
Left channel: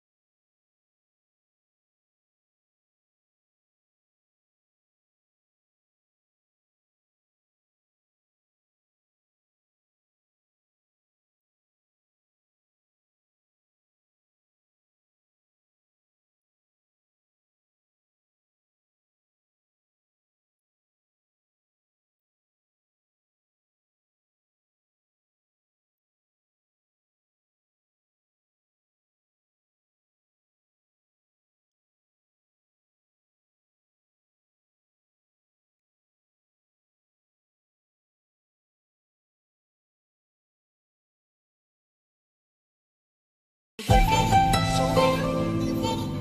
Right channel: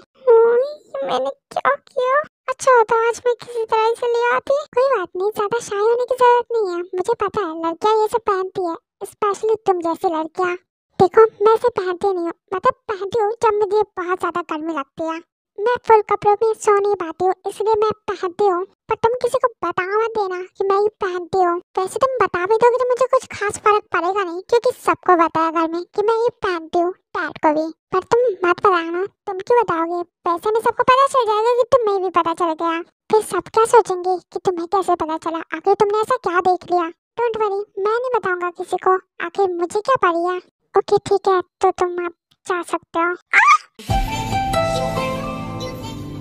मैंने क्या किया? अच्छा होता आज मैं किसी तरह से ले आती। कोई बात नहीं, ज्यादा शाय होने की जरूरत नहीं है। मुझे पता है लड़कियां ये सब पहनती है, स्पेशली तुम जैसी लड़कियां। देखो मैं इसे पहनती नहीं हूँ, मतलब पहनती हूँ जब मुझे बहुत ज्यादा गर्मी लगती है। मैं फुल कपड़ों में सो नहीं पाती हूँ, इसलिए मैं पहनती हूँ। पर तुम किसी को बता मत देना कि मैं ये पहनती हूँ। वैसे तुम बता भी दोगे तो मुझे कुछ खास फर्क पड़ेगा नहीं, क्योंकि सबको पता है घर में कि मैं ये पहनती हूँ, डैड को भी। पर तुम मत बताना। तुम क्यों बताओगे? वैसे में सबको पता चल जाएगा कि तुम्हें भी पता चल गया। फिर सब क्या सोचेंगे कि तुम्हें कैसे पता चला? आखिर तुमने ऐसा क्या देख लिया? डोंट वरी, मैं नहीं बताऊंगा किसी को। आखिर मुझे क्या पड़ी है? ओके ठीक है, तो तुम अब जा सकते हो।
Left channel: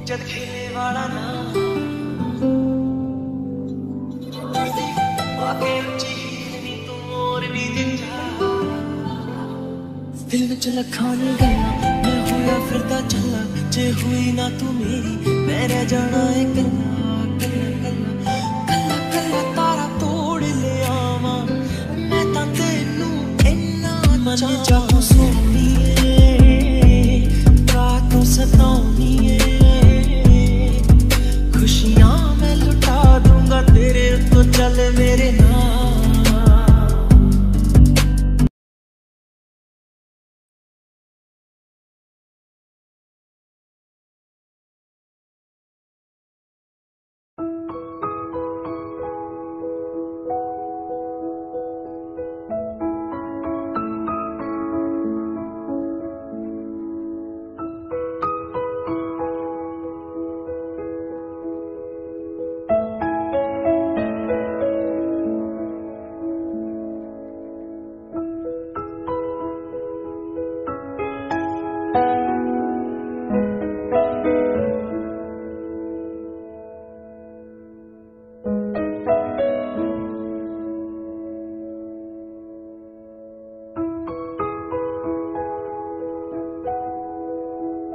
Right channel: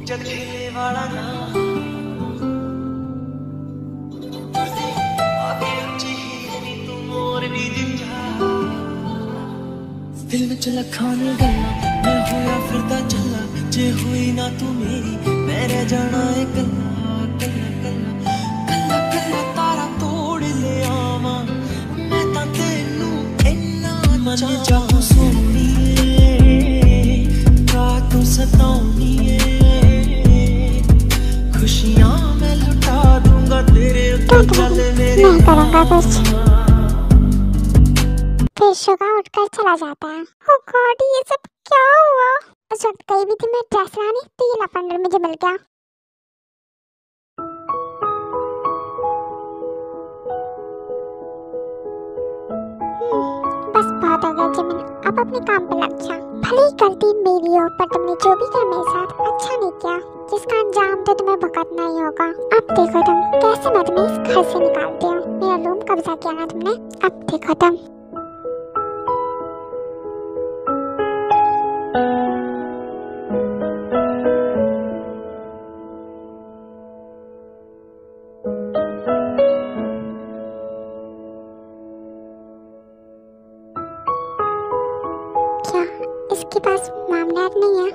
जद खेले वाला ना आगे ऊंची हील नी तू मोर नी जिंजा दिल विच लखां ने गल्लां मैं होया फिरदा चला जे हुई ना तू मेरी मैं रह जाना है कल्ला कल्ला कल्ला कल्ला कल्ला तारा तोड़ ले आवा मैं तां तेनू इन्ना मन चाहूं सोनीए रातों सताऊंगी खुशियां मैं लुटा दूंगा तेरे तो चल मेरे फिर शुगा उठकर चला जाता है। ओह गॉड, ये सब क्या हुआ? उस वक्त गई भी थी मैं ड्रेस लाने, तो ये लफंडर मुझे मिल गया। बस बहुत हो गया जिमिन, अब अपने काम पे लग जा। भले ही गलती मेरी हो, पर तुमने जो भी किया मेरे साथ अच्छा नहीं किया, जिसका अंजाम तो तुम्हें भुगतना ही होगा। अब देखो तुम कैसे मैं तुम्हें इस घर से निकालती हूँ। मेरा रूम कब्जा किया ना तुमने, अब देखो तुम। क्या इसके पास मामला नहीं है?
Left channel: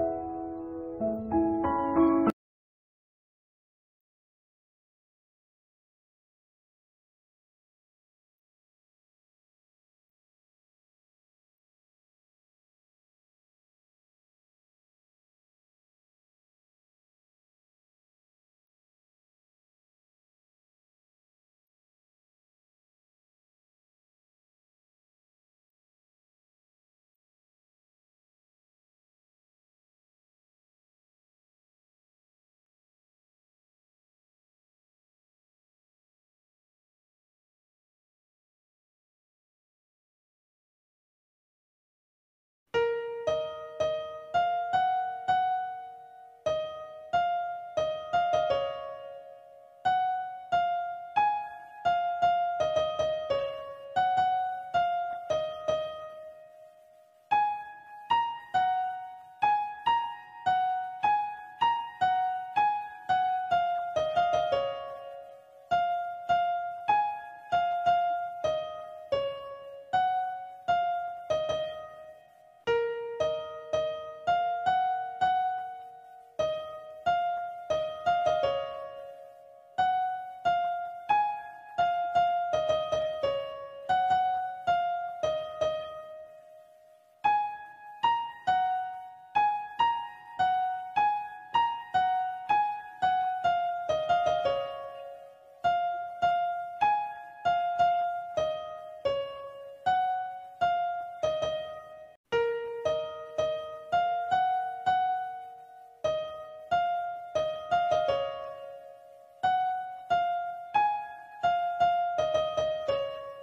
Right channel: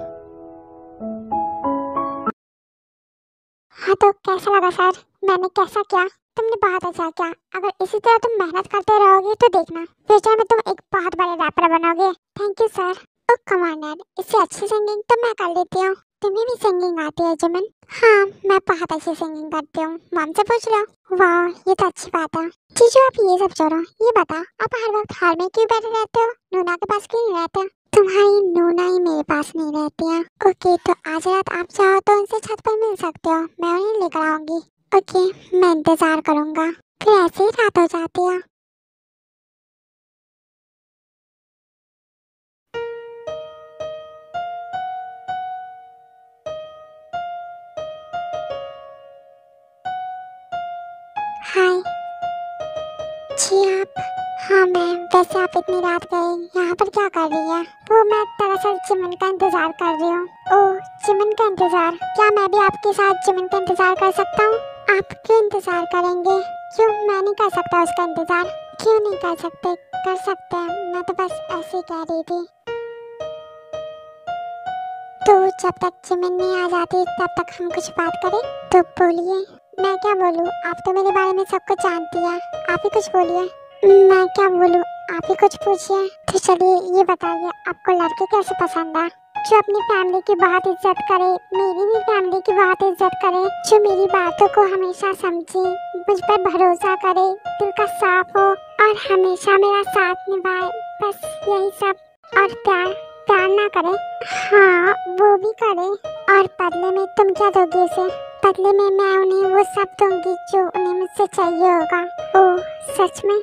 हाँ तो कैसा लगा सर? मैंने कैसा किया? तुमने बहुत अच्छा किया। अगर इसी तरह तुम मेहनत करते रहोगे तो देखना फ्यूचर में तुम एक बहुत बड़े रैपर बनोगे। Thank you sir. Oh commander, इससे अच्छी सिंगिंग तो मैं कर लेती हूँ। तुम्हें भी सिंगिंग आती है जिमिन? हाँ मैं बहुत अच्छी सिंगिंग करती हूँ, मॉम से पूछ लो। वाह ये तो अच्छी बात है। जीजू आप ये सब छोड़ो, ये बता आप हर वक्त हाल में क्यों बैठे रहते हो? नूना के पास क्यों नहीं रहते? तुम्हारी नूना ही मेरे पास नहीं रहती है। ओके, तो आज रात आप चाहो तो उनसे छत पर मिल सकते हो, मैं उन्हें लेकर आऊंगी। ओके, मैं इंतजार करूंगा। फिर ऐसे ही रात हो जाती है। हाय जी आप। हाँ मैं। वैसे आप इतनी रात गए यहाँ पर क्या कर रही है? वो मैं दरअसल चिमन का इंतजार कर रही हूँ। ओह, चिमन का इंतजार? क्या मैं भी आपके साथ चिमन का इंतजार कर सकता हूँ? आप क्यों इंतजार करेंगे? क्यों मैं नहीं कर सकता उसका इंतजार? क्यों नहीं कर सकते? कर सकते हैं, मैं तो बस ऐसे ही कह रही थी। तो जब तक चिमन नहीं आ जाती तब तक हम कुछ बात करें। तो बोलिए। मैं क्या बोलूँ, आप तो मेरे बारे में सब कुछ जानती है, आप ही कुछ बोलिए। मैं क्या बोलूँ, आप ही कुछ पूछिए। तो चलिए ये बताइए, आपको लड़के कैसे पसंद है? जो अपनी फैमिली की बहुत इज्जत करे, मेरी भी फैमिली की बहुत इज्जत करे, जो मेरी बातों को हमेशा समझे, मुझ पर भरोसा करे, दिल का साफ हो और हमेशा मेरा साथ निभाए, बस यही सब। और प्यार ना करे, हाँ वो भी करे। और बदले में तुम क्या दोगी उसे? बदले में मैं उन्हें वो सब दूंगी जो उन्हें मुझसे चाहिए होगा। ओह सच में?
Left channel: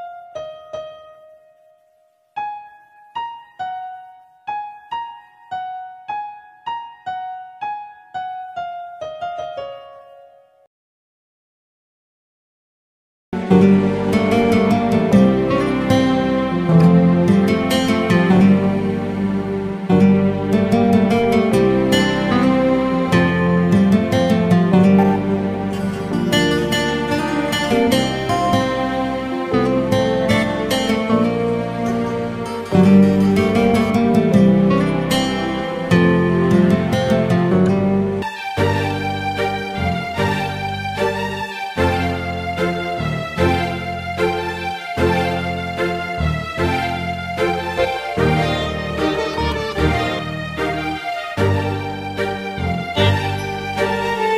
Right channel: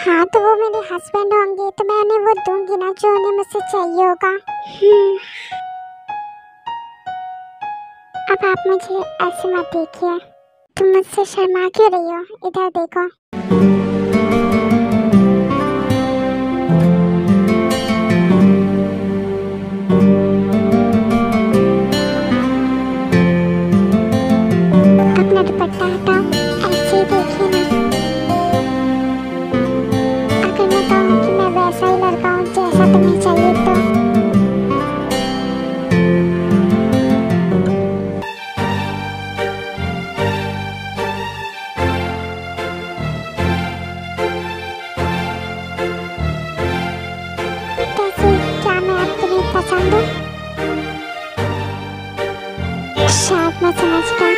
हाँ तो वो मेरे हस्बैंड होंगे तो मैं उन्हें वो दूंगी ना जो उन्हें मुझसे चाहिए होगा। अब आप मुझे ऐसे मत देखिए, तुम मुझसे शर्मा क्यों रही हो? इधर देखो। अपना दुपट्टा हटाओ, ऐसे देखिए ना। अगर मैं कहूँ कि मैं वैसा ही लड़का हूँ जैसा तुम्हें चाहिए तो? कैसे, क्या मैं तुम्हें पसंद हूँ? शायद मैं समझ गई।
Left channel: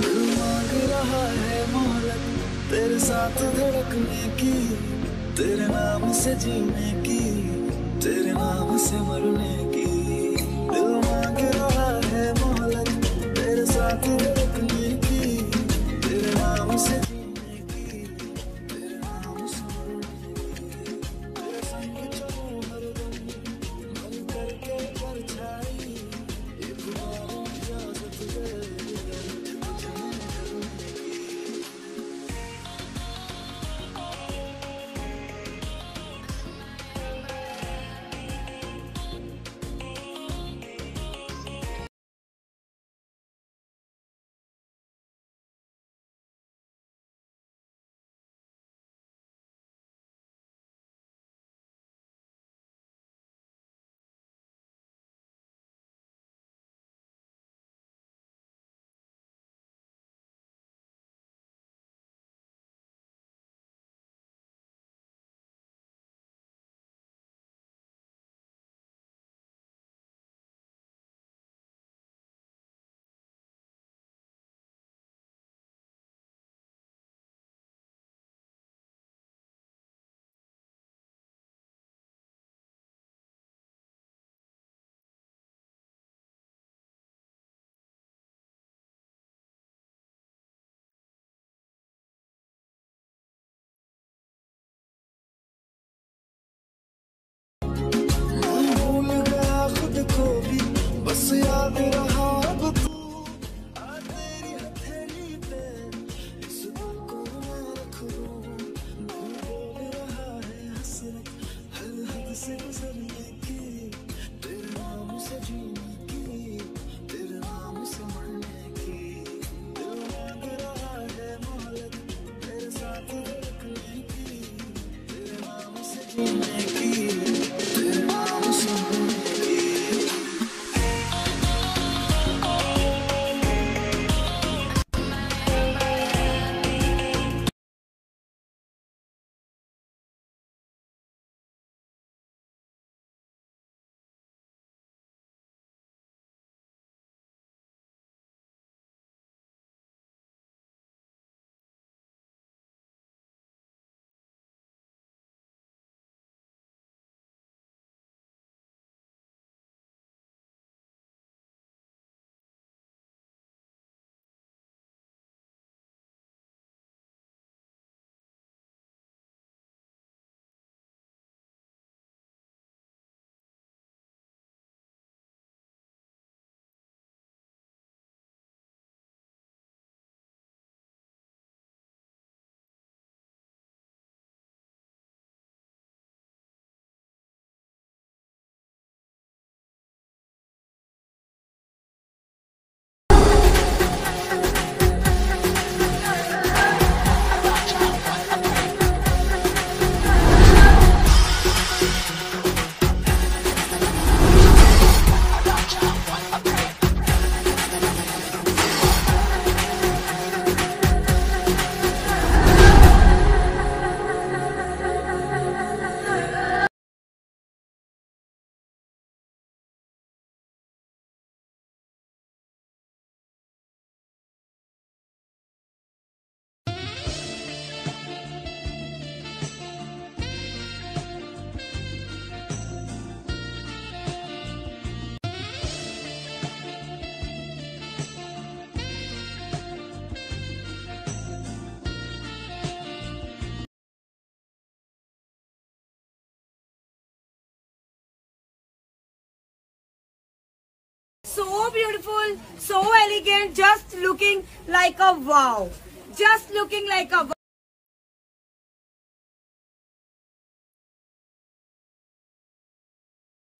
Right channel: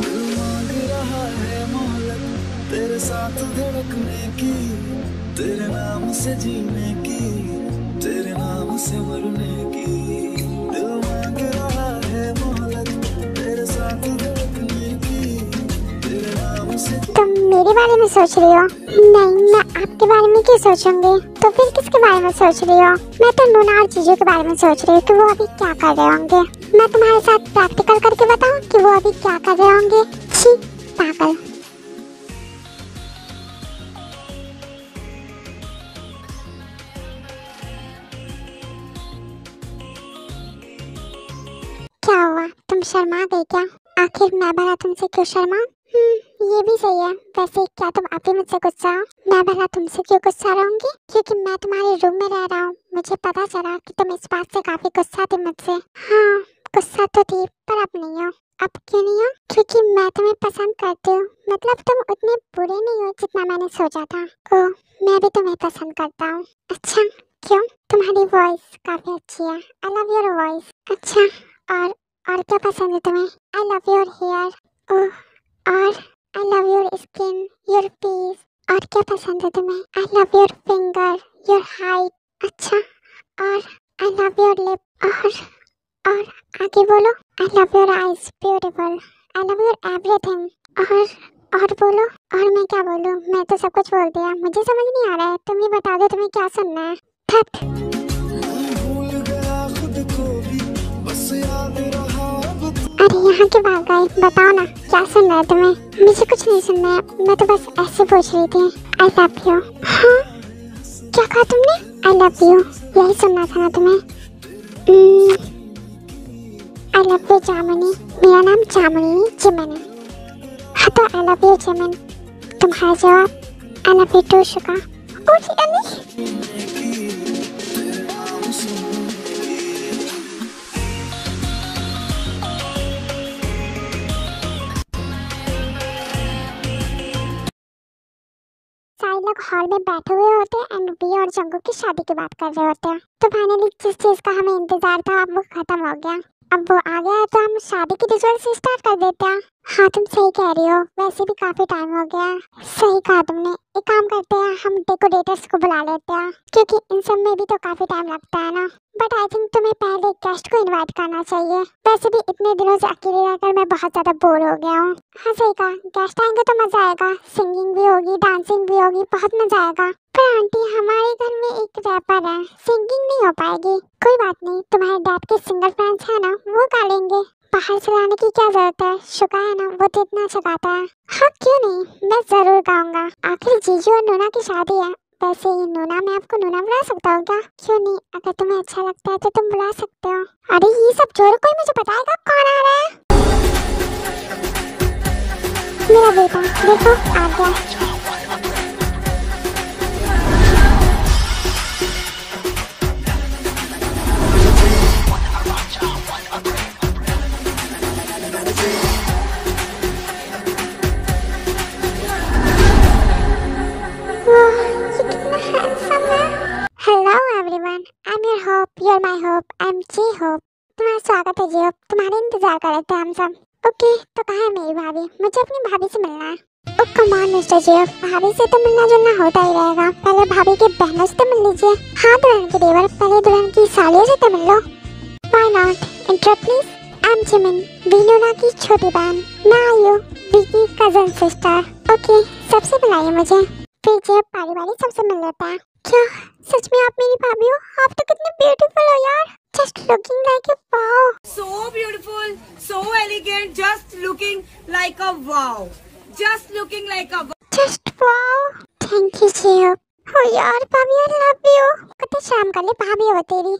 दिल मांग रहा है मोहलत तेरे साथ धड़कने की, तेरे नाम से जीने की, तेरे नाम से मरने की। दिल मांग रहा है मोहलत तेरे साथ धड़कने की, तेरे नाम से। तुम मेरे बारे में सोच रही हो? नहीं, मैं आपके बारे में क्यों सोचूंगी? तो फिर किसके बारे में सोच रही हो? मैं तो नूना और जीजू के बारे में सोच रही हूँ कि वो अभी क्या कर रहे होंगे। मैं तुम्हारे साथ प्रैक्टिकल करके बताऊँ कि वो अभी क्या कर रहे होंगे? छी, पागल। क्या हुआ, तुम शर्मा गई क्या? आखिर मैं भला तुमसे क्यों शर्माऊं? ये भी सही है। वैसे क्या तुम अभी मुझसे गुस्सा हो? मैं भला तुमसे क्यों गुस्सा रहूंगी? क्योंकि मैं तुम्हारे रूम में रह रहा हूँ। मुझे पता चला कि तुम इस बात से काफी गुस्सा थी मुझसे। हाँ गुस्सा तो थी, पर अब नहीं हो। अब क्यों नहीं हो? क्योंकि मैं तुम्हें पसंद करती हूँ। मतलब तुम उतने बुरे नहीं हो जितना मैंने सोचा था। ओह, मैं भी तुम्हें पसंद करता हूँ। अच्छा, क्यों? तुम्हारी वॉइस काफी अच्छी है। I love your voice. अच्छा, और क्या पसंद है तुम्हें? I love your hair. Oh, और I love your skin, your peace. और क्या पसंद है तुम्हें? I love your finger, your height. अच्छा, और आई लव योर लिप। और आगे बोलो। I love your eyes, beautiful. I love your everything. और बोलो। और मैं क्या बोलूँ? मैं तो सब कुछ बोल दिया, मुझे समझ नहीं आ रहा है। तुम ही बता दो तुम्हें क्या सुनना है। थट। मैं भूल गया खुद को भी, बस याद रहा अब अरे यहाँ के बात गए, बताओ ना क्या सुनना है तुम्हें? मुझे कुछ नहीं सुनना है, मैं तो बस ऐसे पूछ रही थी। आई लव यू। हाँ क्या कहा तुमने? आई लव यू, यही सुनना था ना तुम्हें? आई लव यू जामुनी। मेरा नाम जामुनी चिमन है। हाँ तो आई लव यू चिमन। तुम्हारा जवाब आई लव यू टू शुका। ओ की लोग हॉल में बैठे हुए होते हैं एंड वी और जंगकुक की शादी की बात कर रहे होते हैं। तो फाइनली जिस चीज का हमें इंतजार था अब वो खत्म हो गया। अब वो आ गया है तो हम शादी की रिचुअल्स स्टार्ट कर देते हैं। हाँ तुम सही कह रही हो, वैसे भी काफी टाइम हो गया। सही कहा तुमने। एक काम करते हैं, हम डेकोरेटर्स को बुला लेते हैं क्योंकि इन सब में भी तो काफी टाइम लगता है ना। बट आई थिंक तुम्हें पहले गेस्ट को इनवाइट करना चाहिए। वैसे भी इतने दिनों से अकेले रहकर मैं बहुत ज्यादा बोर हो गया हूँ। हाँ सही कहा, गेस्ट आएंगे तो मजा आएगा, सिंगिंग भी होगी, डांसिंग भी होगी, बहुत मजा आएगा। पर आंटी हमारे घर में एक रैपर है, सिंगिंग नहीं हो पाएगी। कोई बात नहीं, तुम्हारे डैड के सिंगर फ्रेंड्स है ना, वो गा लेंगे। बाहर से लाने की क्या जरूरत है, शुका है ना, वो तो इतना अच्छा गाता है। हाँ क्यों नहीं, मैं जरूर गाऊंगा। आखिर जीजू और नूना की शादी है। वैसे ये नूना, मैं आपको नूना बुला सकता हूँ क्या? क्यों नहीं, अगर तुम्हें अच्छा लगता है तो तुम बुला सकते हो। अरे ये सब छोड़ो, कोई मुझे बताएगा कौन आ रहा है? मेरा बेटा देखो आ गया। तुम्हारा स्वागत है जी होप, तुम्हारे इंतजार कर रहे थे हम सब। ओके तो कहाँ है मेरी भाभी? मुझे अपनी भाभी से मिलना है। ओ कम ऑन मिस्टर जी, भाभी से तो मिलना जुलना होता ही रहेगा। पहले भाभी के बहनों से तो मिल लीजिए। हाँ दुल्हन के देवर, पहले दुल्हन की सालियों से तो मिल लो। Why not? Intro please. I am Jimin, Winona की छोटी बहन। नाउ यू, वी की कजन सिस्टर। ओके सबसे बुलाइए मुझे, फिर जी बारी बारी सबसे मिल लेता है। क्या सच में आप मेरी भाभी हो? आप तो कितने ब्यूटीफुल हो यार। Just looking like a wow. So beautiful, so elegant, just looking like a wow. Just looking like a wow. Just wow. Thank you Jiyo. Oh यार भाभी, I love you. कितने शाम कर ले भाभी हो तेरी।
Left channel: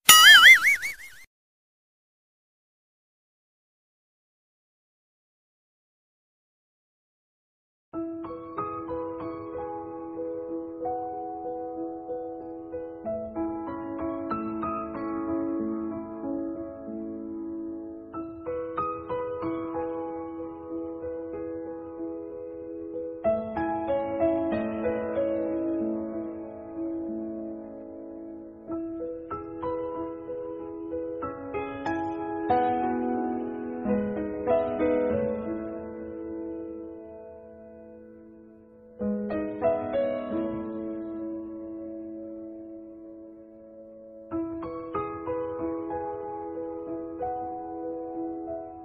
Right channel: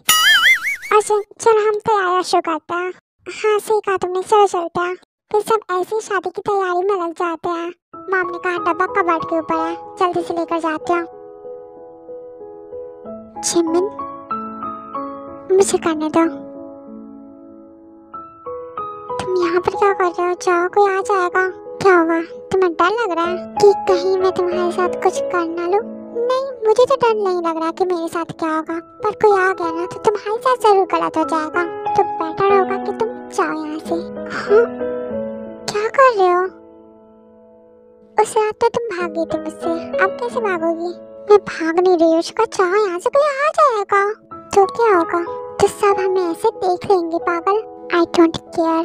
अच्छा चलो हम तैयारी शुरू करते हैं। हाँ सही कहा तुमने, चलो चलते हैं। फिर सब ऐसे ही शादी की तैयारी में लग जाते हैं। मॉम ने कहा डब्बा कबर्ड के ऊपर है, जल्दी से लेकर जाते हैं। जिमिन मुझे करने दो। तुम यहाँ पर क्या कर रहे हो? जाओ, कोई आ जाएगा। क्या हुआ, तुम्हें डर लग रहा है कि कहीं मैं तुम्हारे साथ कुछ कर ना लूं? नहीं मुझे तो डर नहीं लग रहा कि मेरे साथ क्या होगा, पर कोई आ गया ना तो तुम्हारे साथ जरूर गलत हो जाएगा। तो बेटर होगा कि तुम जाओ यहाँ से। हाँ क्या कर रहे हो? उस रात तो तुम भाग गई थी मुझसे, अब कैसे भागोगी? मैं भाग नहीं रही हूँ, उसका चाह यहाँ से कोई आ जाएगा तो क्या होगा? तो सब हमें ऐसे देख लेंगे पागल। I don't care.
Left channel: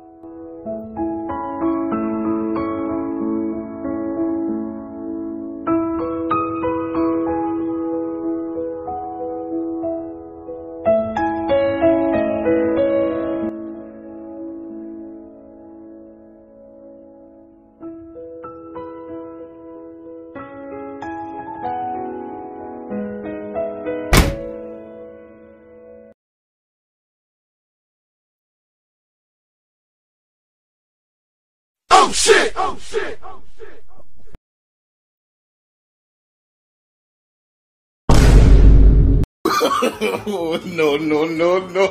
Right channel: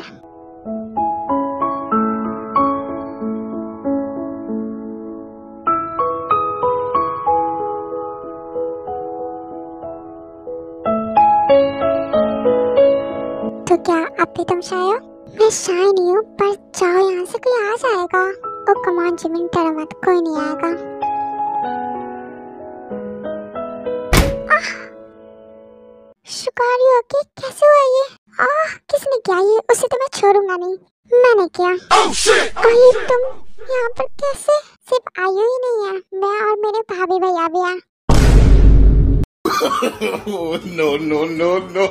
तो क्या अब भी तुम शाय हो? मैं शाय नहीं हूँ, पर जाओ यहाँ से, कोई आ जाएगा। ओ कम ऑन जिमिन, डरो मत, कोई नहीं आएगा। शुकारी हो कि कैसे हुआ ये? किसने किया ये? उसे तो मैं छोड़ूंगा नहीं। मैंने किया। ये तुम यहाँ पर कैसे? सिर्फ आयु ही नहीं है, मैं और मेरे भाभी भैया भी हैं। No, no, no, no.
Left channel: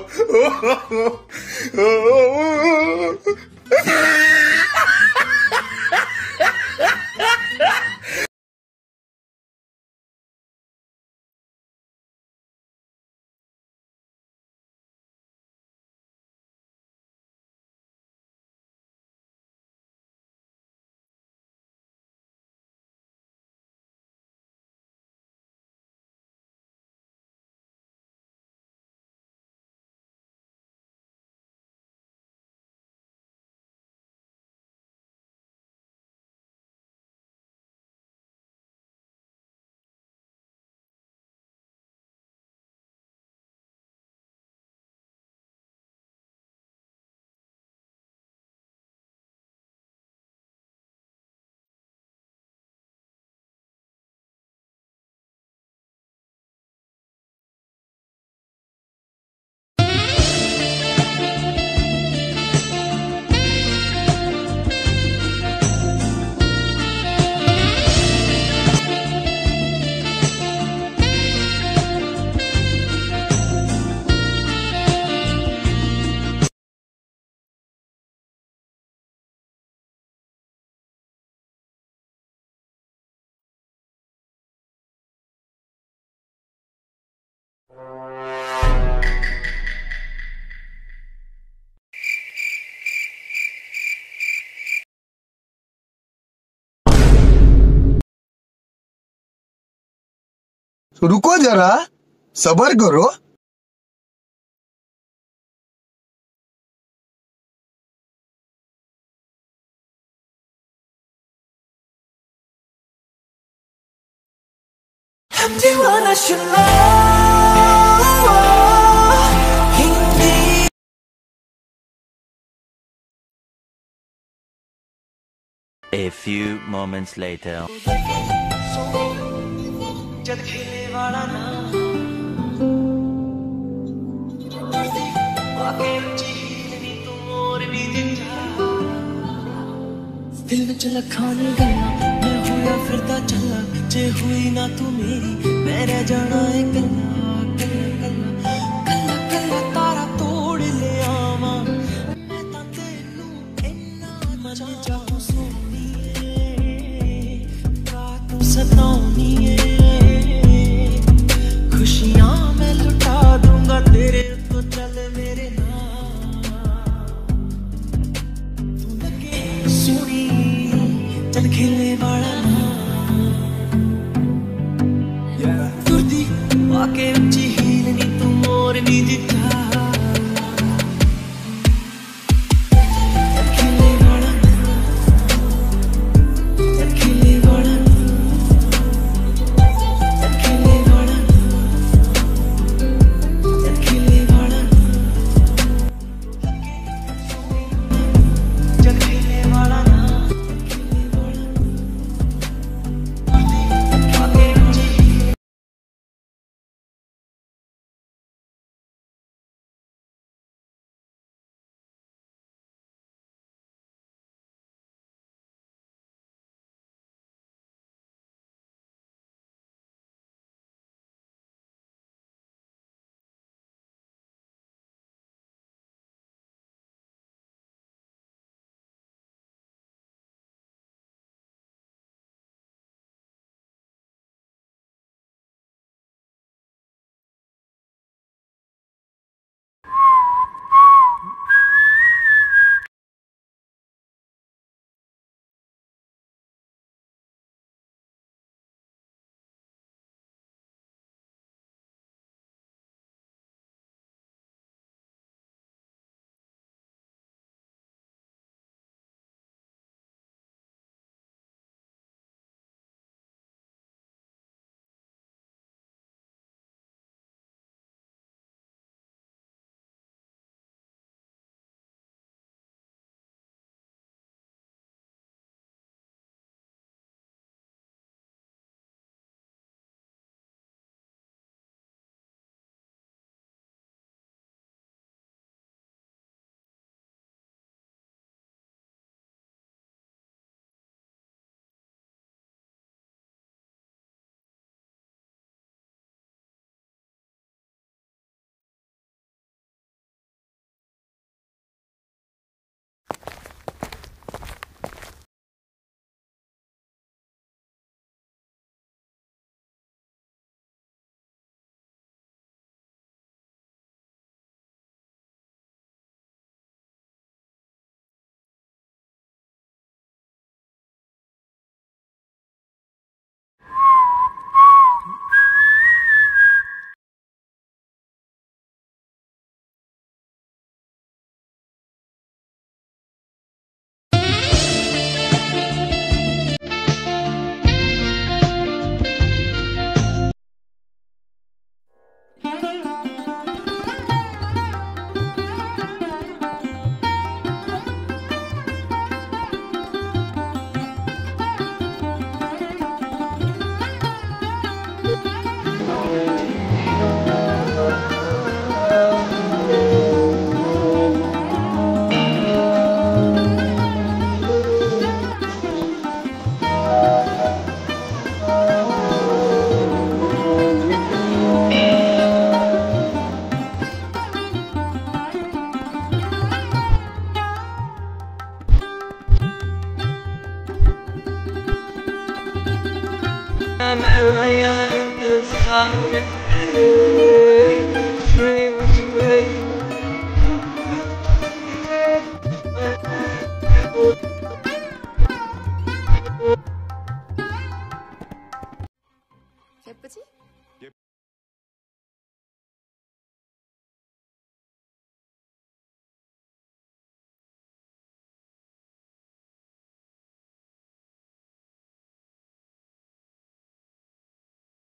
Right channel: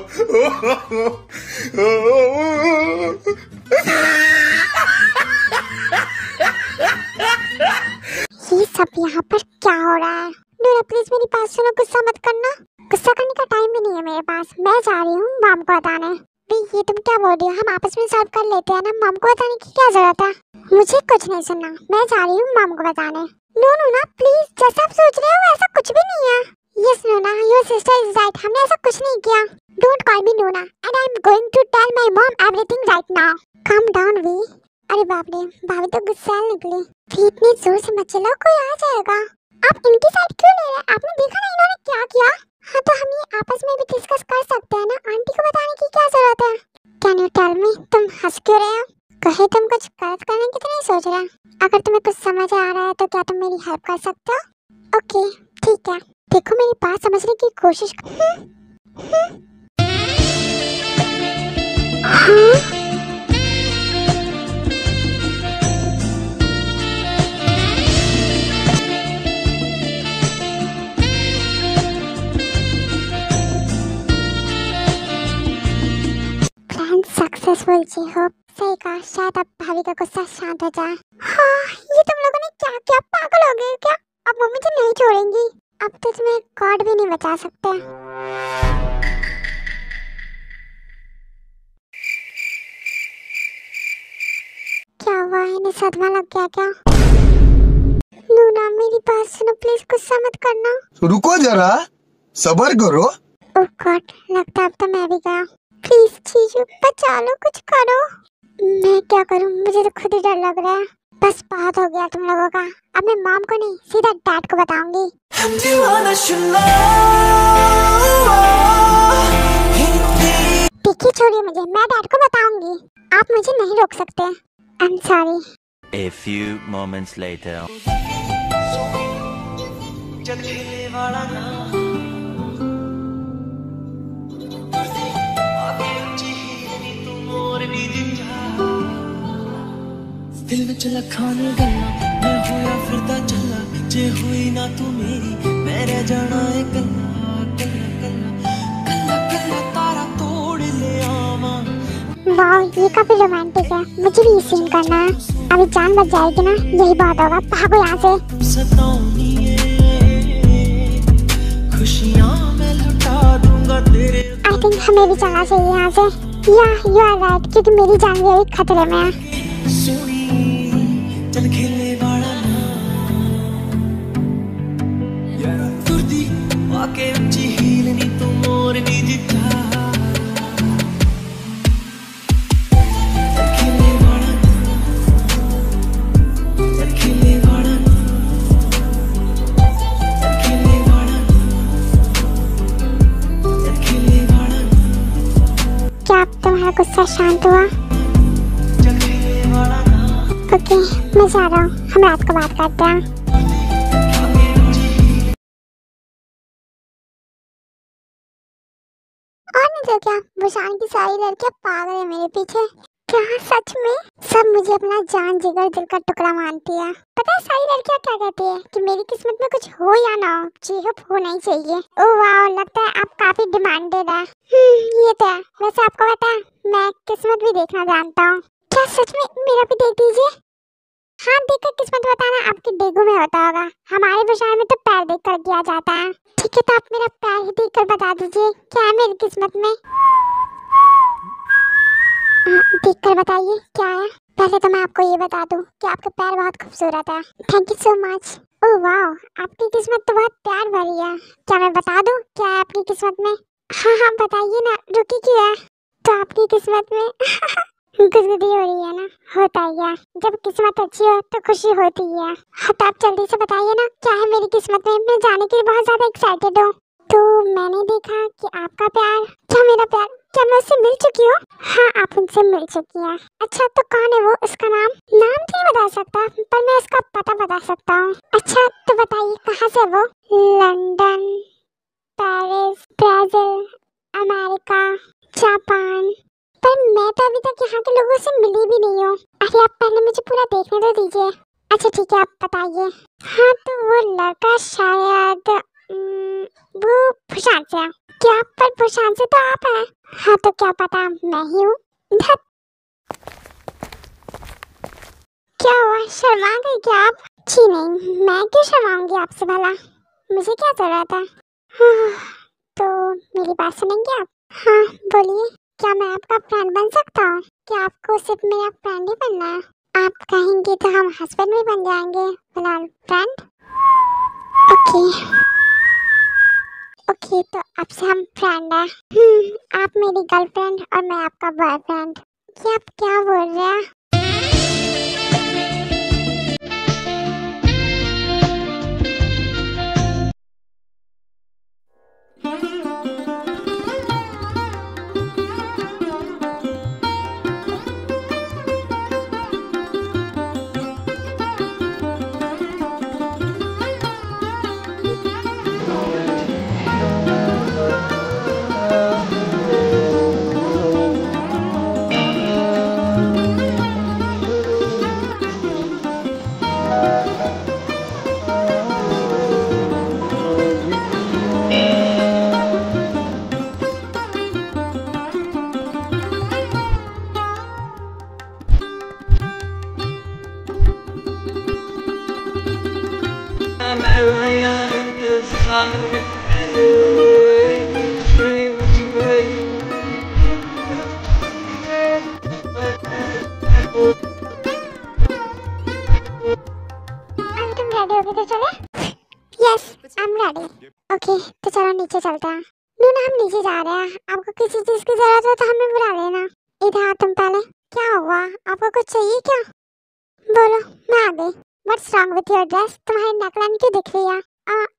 ये सब यहाँ पर क्या हो रहा है? नूरा प्लीज मेरी बात सुनो, गुस्सा मत करना। गुस्सा करने का टाइम भी नहीं है मेरे पास। मैं जा रही हूँ मॉम को बताने। ये तुम क्या बोल रही हो? हम आपस में सॉल्व कर लेते हैं ना, मॉम को बताने की क्या जरूरत है? मुझे कुछ नहीं सुनना, मैं जा रही हूँ मॉम को बताने। नो नूना प्लीज, जैसा आप सोच रहे हो ऐसा कुछ भी नहीं है। Yes noona, your sister is right, हमने ऐसा कुछ नहीं किया। Don't call me noona and I am going to tell my mom everything right now. Calm down V. अरे बाप रे, भाभी तो गुस्सा निकली। इतनी जोर से मत चिल्लाओ, कोई आ जाएगा। आप इनकी साइड क्यों ले रहे हैं? आपने देखा ना इन्होंने क्या किया? हाँ तो हम ये आपस में भी डिस्कस कर सकते हैं ना, आंटी को बताने की क्या जरूरत है? कैन यू टेल मी, तुम हंस क्यों रहे हो? कहे तुम कुछ गलत करने की तो नहीं सोच रहे? अगर तुम्हें कुछ समझ आ रहा है तो क्या तुम मेरी हेल्प कर सकते हो? ओके ठीक है, देखो मेरी बात समझने की कोशिश सक्सेसफुल जी हो। सही कहा, शायद अब भाभी का गुस्सा शांत हो जाए। हाँ ये तुम लोगों ने क्या किया? पागल हो गए क्या? अब वो मुझे नहीं छोड़ेंगी। अब तो तुम्हें गॉड भी नहीं बचा सकते। क्या हुआ, इन्हें सदमा लग गया क्या? लूना मेरी बात सुनो प्लीज, गुस्सा मत करना। रुको जरा, सब्र करो। ओह गॉड, लगता है अब तो मैं भी गया। प्लीज जीजू बचा लो, कुछ करो। मैं क्या करूं, मुझे तो खुद ही डर लग रहा है। बस बहुत हो गया तुम लोगों का। अब मैं मॉम को नहीं सीधा डैड को बताऊंगी। देखिए छोड़िए मुझे, मैं डैड को बताऊंगी। आप मुझे नहीं रोक सकते। I am sorry. A few moments later. जद खेले वाला ना आके ऊंची हीलनी तू मोरनी जिंजा दिल विच लखाने गल्ला मैं होया फिरदा चला जे हुई ना तू मेरी मैं रह जाना है कल्ला कल्ला कल्ला कल्ला कल्ला तारा तोड़ ले आवा। वाह ये काफी रोमांटिक है, मुझे भी सीन करना है। अभी जान बच जाएगी ना, यही बात होगा। भागो यहाँ से। सतानी है खुशियाँ मैं लुटा दूंगा तेरे। आई थिंक हमें भी चलना चाहिए यहाँ से। यू आर राइट, क्योंकि मेरी जान भी अभी खतरे में है। सुनी चल खेले वाला ना तुरदी आके ऊंची हीलनी तू मोरनी जिता गुस्सा शांत हुआ? ओके मैं जा रहा हूँ, हम रात को बात करते हैं। और नहीं तो क्या, बुशान की सारी लड़कियां पागल है मेरे पीछे। क्या सच में सब मुझे अपना जान जिगर दिल का टुकड़ा मानती है। पता है सारी लड़कियां क्या कहती है कि मेरी किस्मत में कुछ हो या ना हो, चीहप होना ही चाहिए। ओह वाह, लगता है आप काफी डिमांडेड है। ये तो है। वैसे आपको पता है मैं किस्मत भी देखना जानता हूँ। क्या सच में? मेरा भी देख दीजिए। हाँ देखकर किस्मत बताना आपके डेगू में होता होगा, हमारे बुशान में तो पैर देख कर किया जाता है। ठीक है तो आप मेरा पैर ही देख कर बता दीजिए क्या है मेरी किस्मत में। देख कर बताइए क्या है। पहले तो मैं आपको ये बता दूं कि आपके पैर बहुत खूबसूरत है। Thank you so much. Oh वाह, आपकी किस्मत तो बहुत प्यार भरी है। क्या मैं बता दूं क्या है आपकी किस्मत में? हाँ हाँ बताइए ना, रुकी क्यों है? तो आपकी किस्मत में गुदगुदी हो रही है ना, होता ही है। जब किस्मत अच्छी हो तो खुशी होती है। हाँ तो आप जल्दी से बताइए ना क्या है मेरी किस्मत में, मैं जाने के लिए बहुत ज्यादा एक्साइटेड हूँ। तो मैंने देखा कि आपका प्यार, क्या मेरा प्यार, क्या मैं उससे मिल चुकी हूँ? हाँ आप उनसे मिल चुकी हैं। अच्छा तो कौन है वो, उसका नाम तो नहीं बता सकता पर मैं उसका पता बता सकता हूँ। अच्छा तो बताइए कहाँ से वो? London, Paris, Brazil, America, Japan. पर मैं तो अभी तक यहाँ के लोगों से मिली भी नहीं हूँ। अरे आप पहले मुझे पूरा देखने तो दीजिए। अच्छा ठीक है आप बताइए। हाँ तो वो लड़का शायद वो प्रशांत से है। क्या पर प्रशांत से तो आप हैं? हाँ तो क्या पता मैं ही हूँ। क्या हुआ, शर्मा गई क्या आप? जी नहीं, मैं क्यों शर्माऊंगी आपसे भला, मुझे क्या जरूरत है। हाँ, तो मेरी बात सुनेंगे आप? हाँ बोलिए, क्या मैं आपका फ्रेंड बन सकता हूँ? क्या आपको सिर्फ मेरा फ्रेंड ही बनना है? आप कहेंगे तो हम हस्बैंड भी बन जाएंगे, फिलहाल फ्रेंड। ओके तो अब से हम फ्रेंड हैं। आप मेरी गर्लफ्रेंड और मैं आपका बॉयफ्रेंड। ये आप क्या बोल रहे हैं? तुम रेडी हो गए तो चले? Yes, I am ready. Okay, तो चलो नीचे चलते हैं। नूना, हम नीचे जा रहे हैं। आपको किसी चीज की जरूरत हो तो हमें बुला लेना। इधर आओ तुम पहले। क्या हुआ? आपको कुछ चाहिए क्या? बोलो, मैं आ गई। What's wrong with your dress? तुम्हारी नेकलाइन क्यों दिख रही है?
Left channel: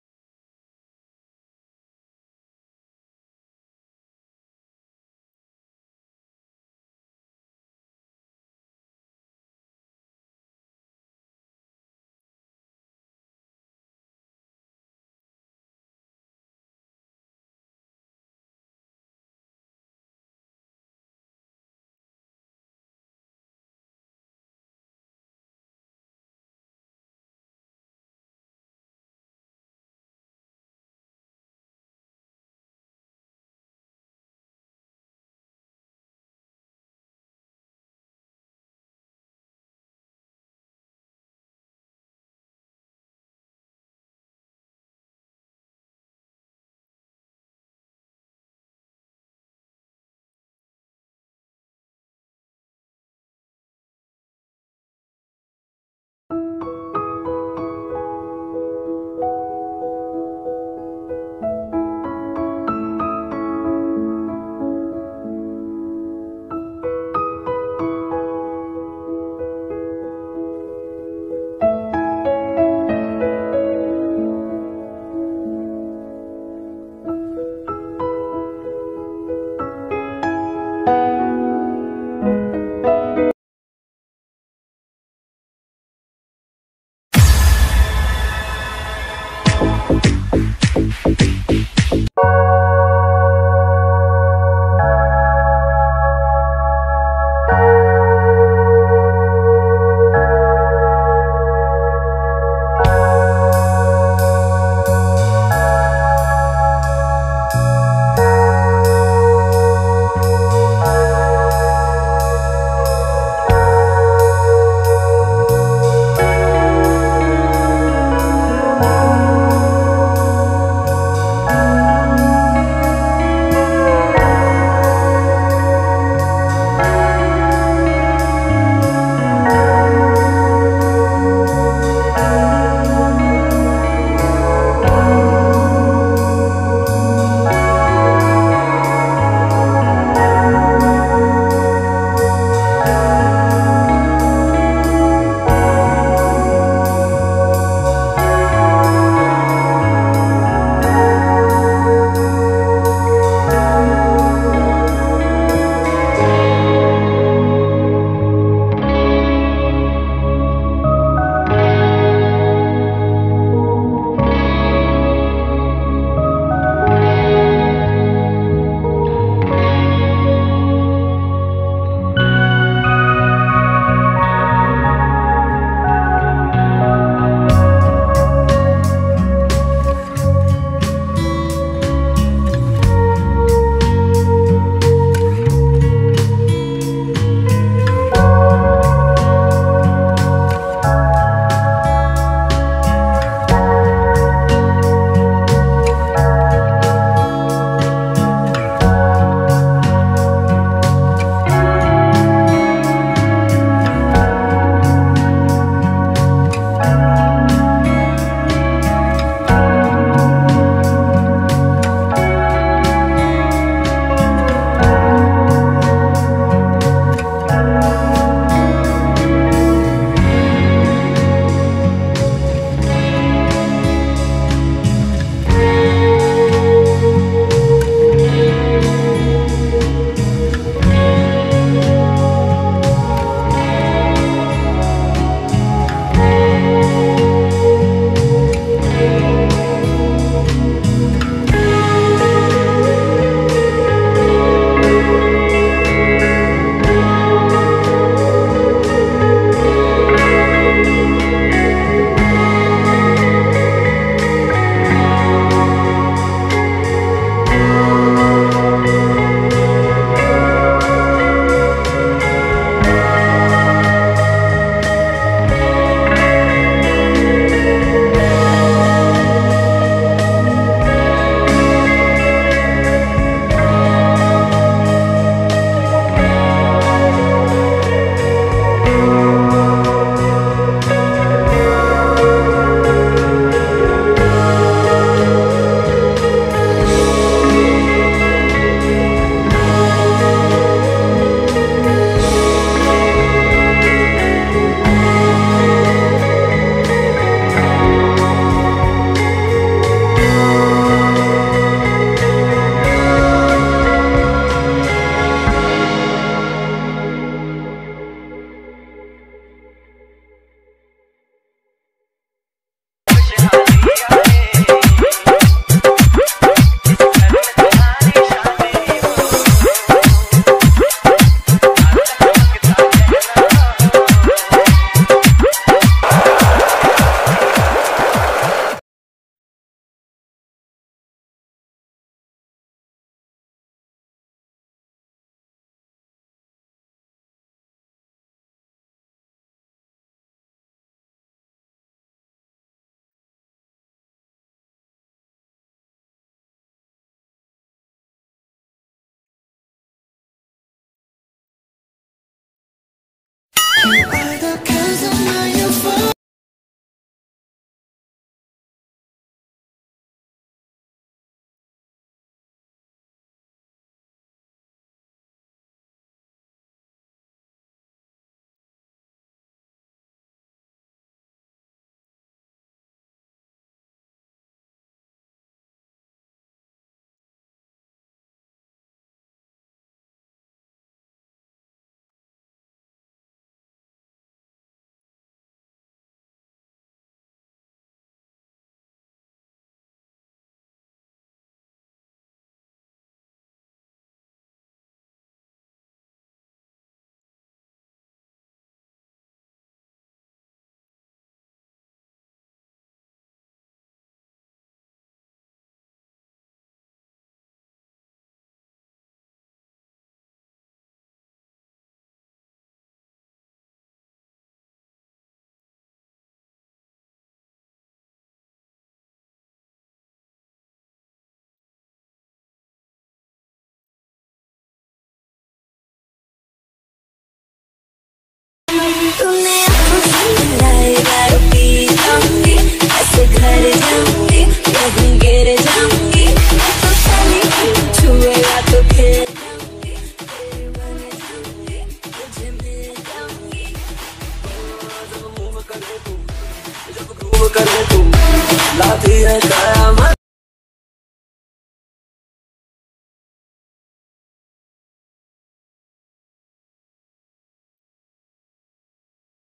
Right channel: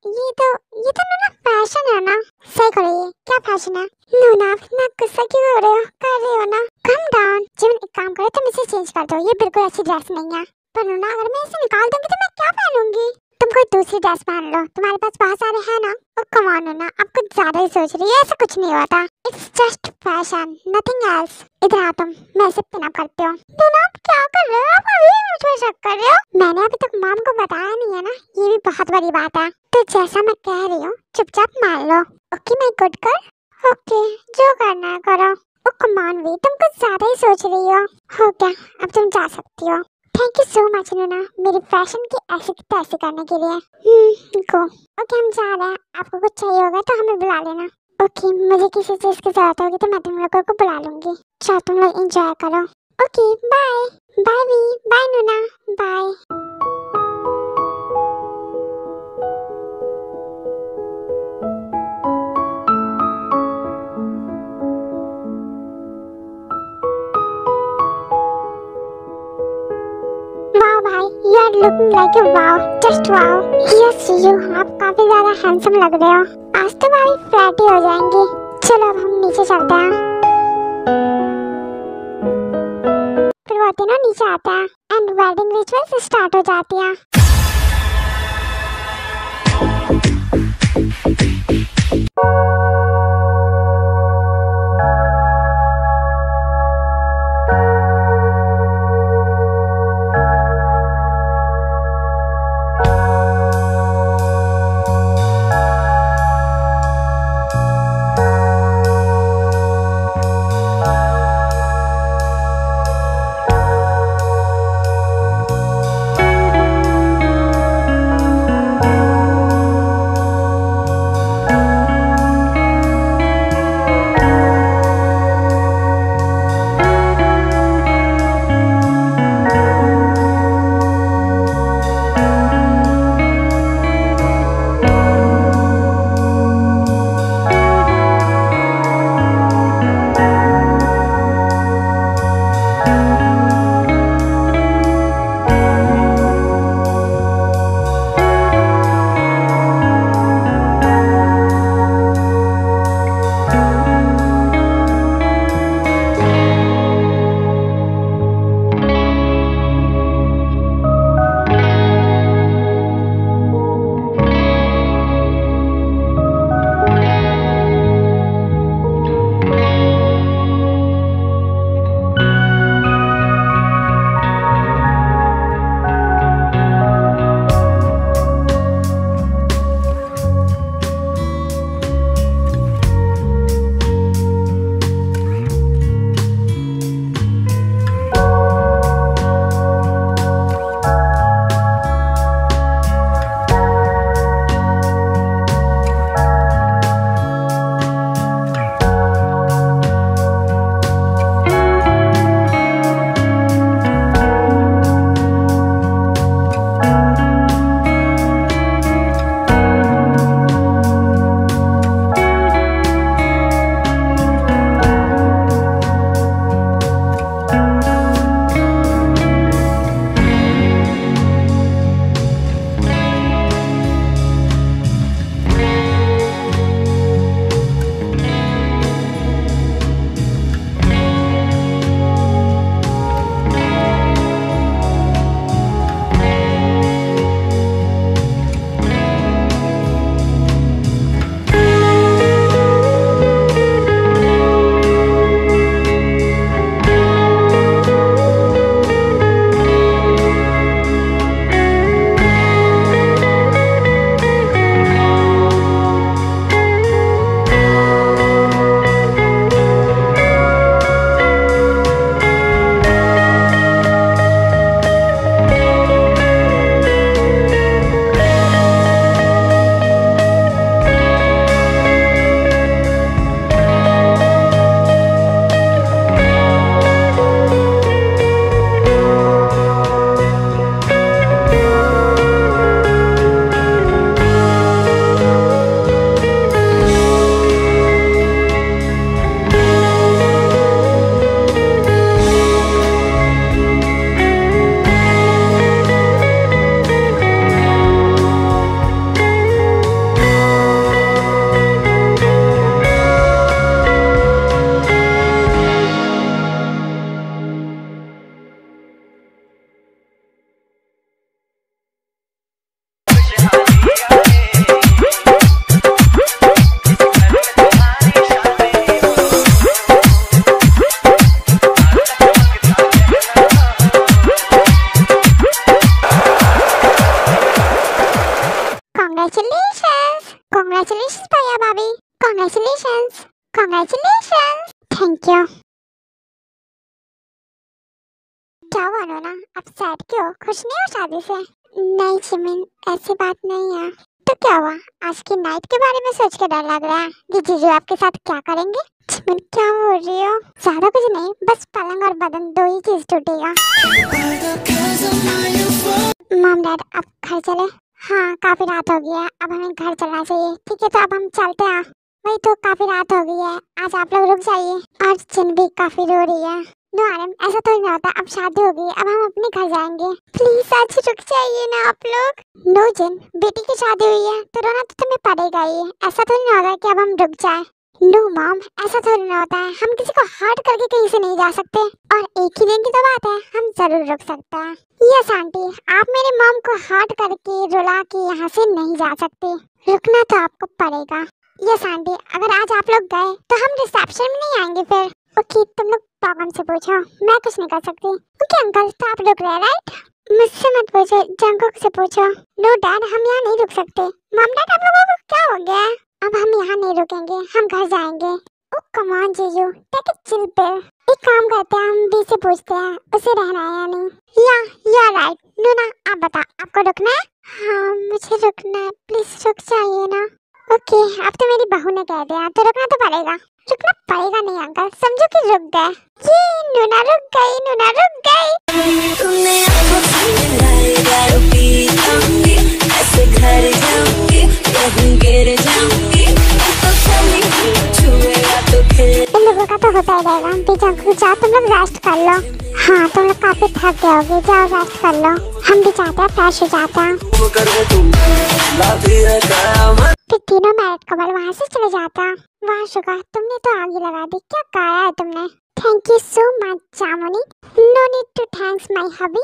ये तो नूना फैशन है ना। सही करो, ये क्या फैशन है? नूना, आप इतना गुस्सा क्यों हो रहे हो? कर रहे हो ना? Come down. जीवन, एक काम करो, तुम इसे चेंज कर दो। ये बिल्कुल अच्छी ड्रेस नहीं है। पर नूना, अगर मैं इसे निकाल दूंगी तो मैं क्या पहनूंगी? तुम कोई दूसरी ड्रेस पहन लो, तुम्हारे पास बहुत सारे हैं ना। और कम ऑन नूना, आप कुछ ज्यादा ही सोच रही हो। ऐसा कुछ नहीं होता। It's just fashion, nothing else. इधर आ तुम, मैं इसे पिन अप करती हूँ। नूना, आप क्या कर रहे हो? आप अभी भी मुझ पर शक कर रहे हो? मैंने अभी तक मॉम को बताया नहीं है ना, ये भी बहुत बड़ी बात है। तो जैसा मैं कह रही हूँ चुपचाप मान लो। Okay my good girl. Okay, जो करना है करो। ओ कम ऑन वी, तुम कुछ ज्यादा ही सोच रही हो। हो गया, अब तुम जा सकती हो। थैंक यू सो मच नूना, मेरी फैशन की ऐसी की तैसी करने के लिए। गो। ओके, हम जा रहे हैं। आपको कुछ चाहिए होगा तो हमें बुला लेना। ओके, मुझे किसी चीज की जरूरत होगी तो मैं तुम लोगों को बुला लूंगी। चलो तुम लोग एंजॉय करो। Okay, bye bye V, bye noona, bye. Looking like a wow, just wow. Yes, you, आप काफी ज्यादा हैंडसम लग रहे हो। आज तो हमारी फ्लैट ही हो जाएंगी। चलो अब हम नीचे चलते हैं। फिर वो तीनों नीचे आते हैं एंड वेडिंग रिचुअल्स स्टार्ट हो जाती हैं। Congratulations! Congratulations भैया भाभी! Congratulations! Congratulations! Thank you. क्या हुआ नोना? आप सैड क्यों? खुश नहीं हो शादी से? नहीं चिमिन, ऐसी बात नहीं है। तो क्या हुआ? आज की नाइट के बारे में सोच के डर लग रहा है कि जीजू आपके साथ क्या करेंगे? चिमिन क्या बोल रही हो? ज्यादा कुछ नहीं, बस पलंग और बदन दो ही चीज टूटेगा। मॉम डैड अब घर चले? हाँ काफी रात हो गई है, अब हमें घर चलना चाहिए। ठीक है तो अब हम चलते हैं। वही तो काफी रात हो गई है, आज आप लोग रुक जाइए। और चिन भी काफी रो रही है। नो आरम, ऐसा तो नहीं होता, अब शादी हो गई, अब हम अपने घर जाएंगे। प्लीज आज रुक जाइए ना आप लोग। नो जिन, बेटी की शादी हुई है तो रोना तो तुम्हें पड़ेगा ही। ऐसा तो नहीं होगा कि अब हम रुक जाए। नो मॉम, ऐसा थोड़ी ना होता है, हम किसी को हर्ट करके कहीं से नहीं जा सकते। और एक ही दिन की तो बात है, हम जरूर रुक सकते हैं। यस आंटी, आप मेरे मॉम को हर्ट करके रुला के यहाँ से नहीं जा सकते, रुकना तो आपको पड़ेगा। यस आंटी, अगर आज आप लोग गए तो हम रिसेप्शन में नहीं आएंगे फिर। ओके तुम लोग प्रॉब्लम से पूछो, मैं कुछ नहीं कर सकती। ओके अंकल, तो आप रुक रहे राइट? मुझसे मत पूछो, जंकुक से पूछो। नो डैड, हम यहाँ नहीं रुक सकते। मॉम डैड आप लोगों को क्या हो गया? अब हम यहाँ नहीं रुकेंगे, हम घर जाएंगे। ओह कम ऑन जीजू, टेक इट चिल पिल। एक काम करते हैं, हम बी से पूछते हैं उसे रहना है या नहीं। या यू आर राइट। नूना आप बता, आपको रुकना है? हाँ मुझे रुकना है, प्लीज रुक जाइए ना। ओके अब तो मेरी बहू ने कह दिया तो रुकना तो पड़ेगा। रुकना पड़ेगा नहीं अंकल, समझो कि रुक गए। ये नूना रुक गई, नूना रुक गई। तूने आँखों से मिलाई, दारू पी जाऊंगी, ऐसे घर जाऊंगी, कहीं गिर जाऊंगी, तो चली छुएगा तो फिर। इन लोगों का तो होता ही रहेगा। आंटी जाओ तुम लोग रेस्ट कर लो। हाँ तुम लोग काफी थक गए होगे, जाओ रेस्ट कर लो। हम भी चाहते हैं फ्रेश हो जाते हैं। फिर तीनों मैरिड कपल वहाँ से चले जाता है। वाह शुगा, तुमने तो आग ही लगा दी, क्या कहा है तुमने? थैंक यू सो मच जामुनी। No need to thanks my hubby.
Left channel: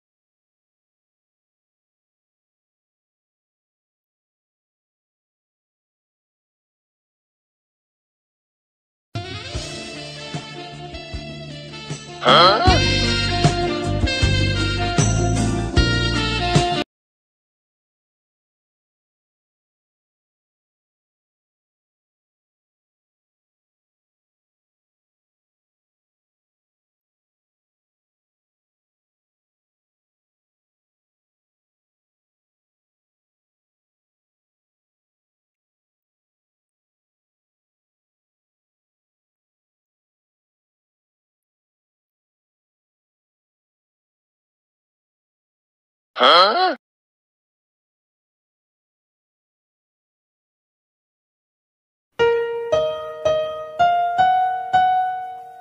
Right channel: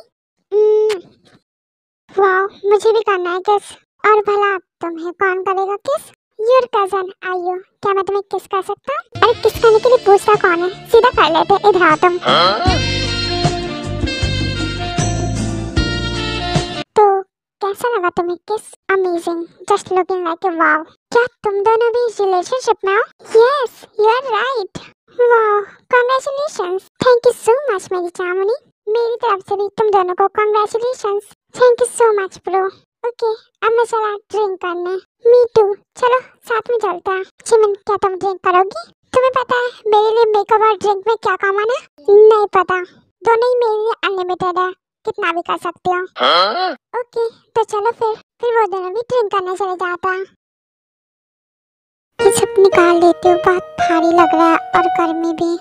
वाह मुझे भी करना है किस। और भला तुम्हें कौन करेगा किस? योर कजन आयु, क्या मैं तुम्हें किस कर सकता हूँ? अरे किस करने के लिए पूछता कौन है, सीधा कर लेते। इधर आओ तुम। तो कैसा लगा तुम्हें kiss? Amazing, just looking like a wow. क्या तुम दोनों भी रिलेशनशिप में हो? Yes you are right. वाह congratulations. Thank you so much मेरी चामुनी। मेरी तरफ से भी तुम दोनों को congratulations. Thank you so much bro. Okay अब मैं चला ड्रिंक करने। मी टू, चलो साथ में चलते हैं। चिमिन क्या तुम ड्रिंक करोगी? तुम्हें पता है मेरे लिए मेकअप और ड्रिंक में क्या कॉमन है? नहीं पता, दोनों ही मेरे लिए अनलिमिटेड है, कितना भी कर सकते हो। ओके तो चलो फिर वो दोनों भी ड्रिंक करने चले जाता है। ये सब निकाल लेती हूँ, बहुत भारी लग रहा है और गर्मी भी।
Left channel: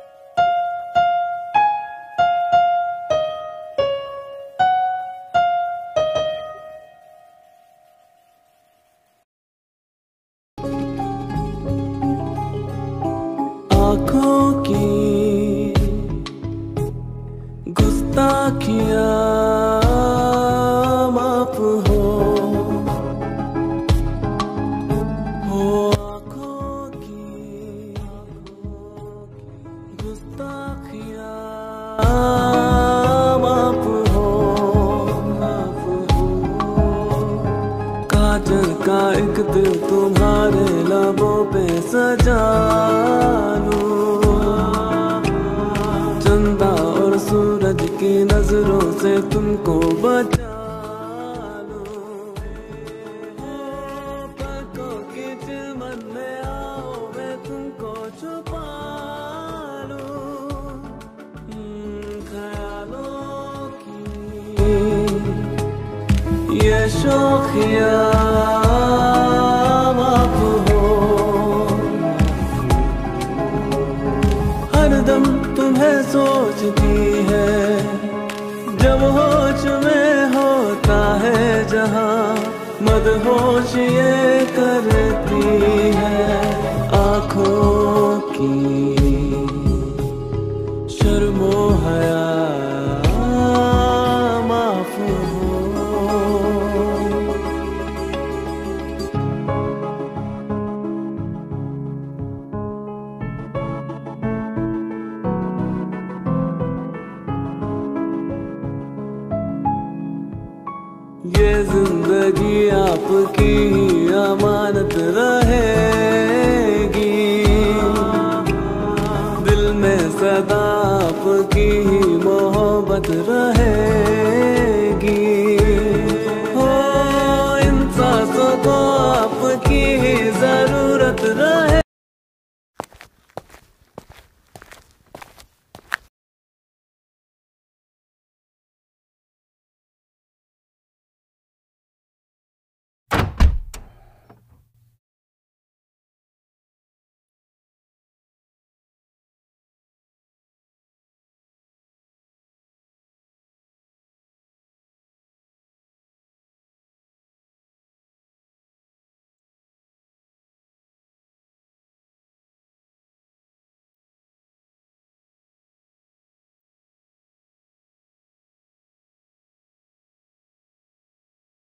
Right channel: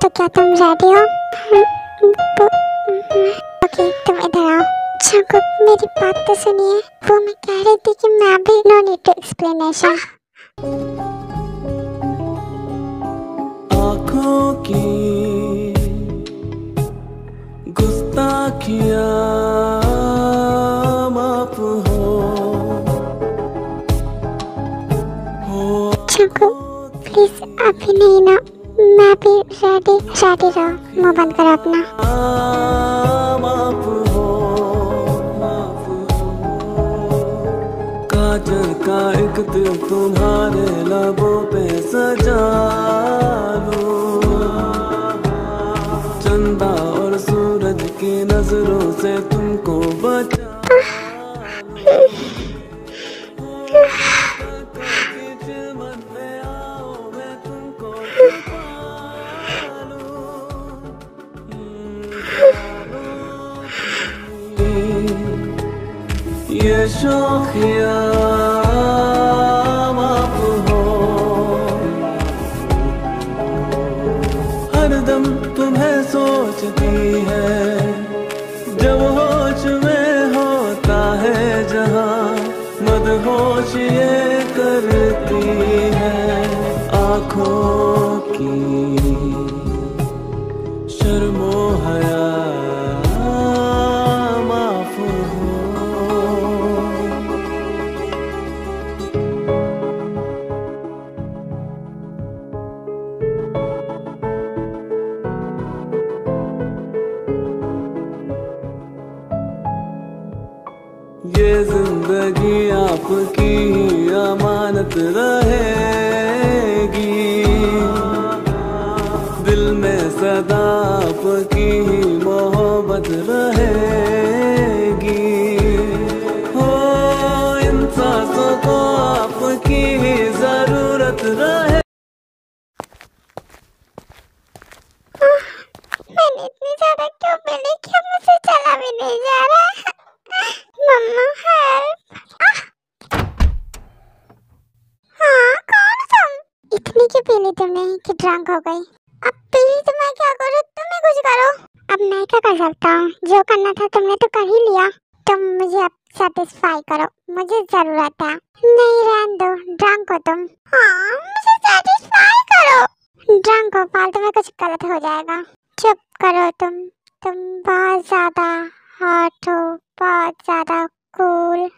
तो क्या तुम रेडी हो? ओके तुम इधर आओ। जंकुक मेरी बात तो सुनिए, वो मैं कह रही थी कि मैं भी नो नीड टू एक्सप्लेनेशन। आँखों की गुस्ताखियाँ माफ हो। जंकुक प्लीज अभी नहीं ना, मैं भी रेडी रहो। मुँह बंद करो अपना। माफ हो। काजल का एक दिल तुम्हारे लबों पे सजा लूं, चंदा और सूरज की नजरों से तुमको बचा लूं, पलकों के चिलमन में आओ मैं तुमको छुपा लूं, ये शौकिया माफ हो। हरदम तुम्हें सोचती है, जब होश में होता है जहाँ मदहोश ये करती है। आँखों की शर्मो हया माफ हो। ये जिंदगी आपकी अमानत रहेगी, दिल में सदा आपकी ही मोहब्बत रहेगी। हो इन सांसों को आपकी ही जरूरत रहे। मैंने इतनी ज्यादा क्यों पी ली कि अब मुझसे चला भी नहीं जा रहा है। मम्मा हेल्प। हाँ कौन तुम? इतनी क्यों पी ली तुमने कि ड्रंक हो गई? अब पी ली तो मैं क्या करूँ? तुम ही कुछ करो। अब मैं क्या कर सकता हूँ? जो करना था तुमने तो कर ही लिया। तुम मुझे अब सेटिस्फाई करो, मुझे जरूरत है। नहीं रहने दो, ड्रंक हो तुम। हाँ मुझे सेटिस्फाई करो। ड्रंक हो, फालतू में कुछ गलत हो जाएगा। चुप करो तुम बहुत ज्यादा हॉट हो, बहुत ज्यादा कूल।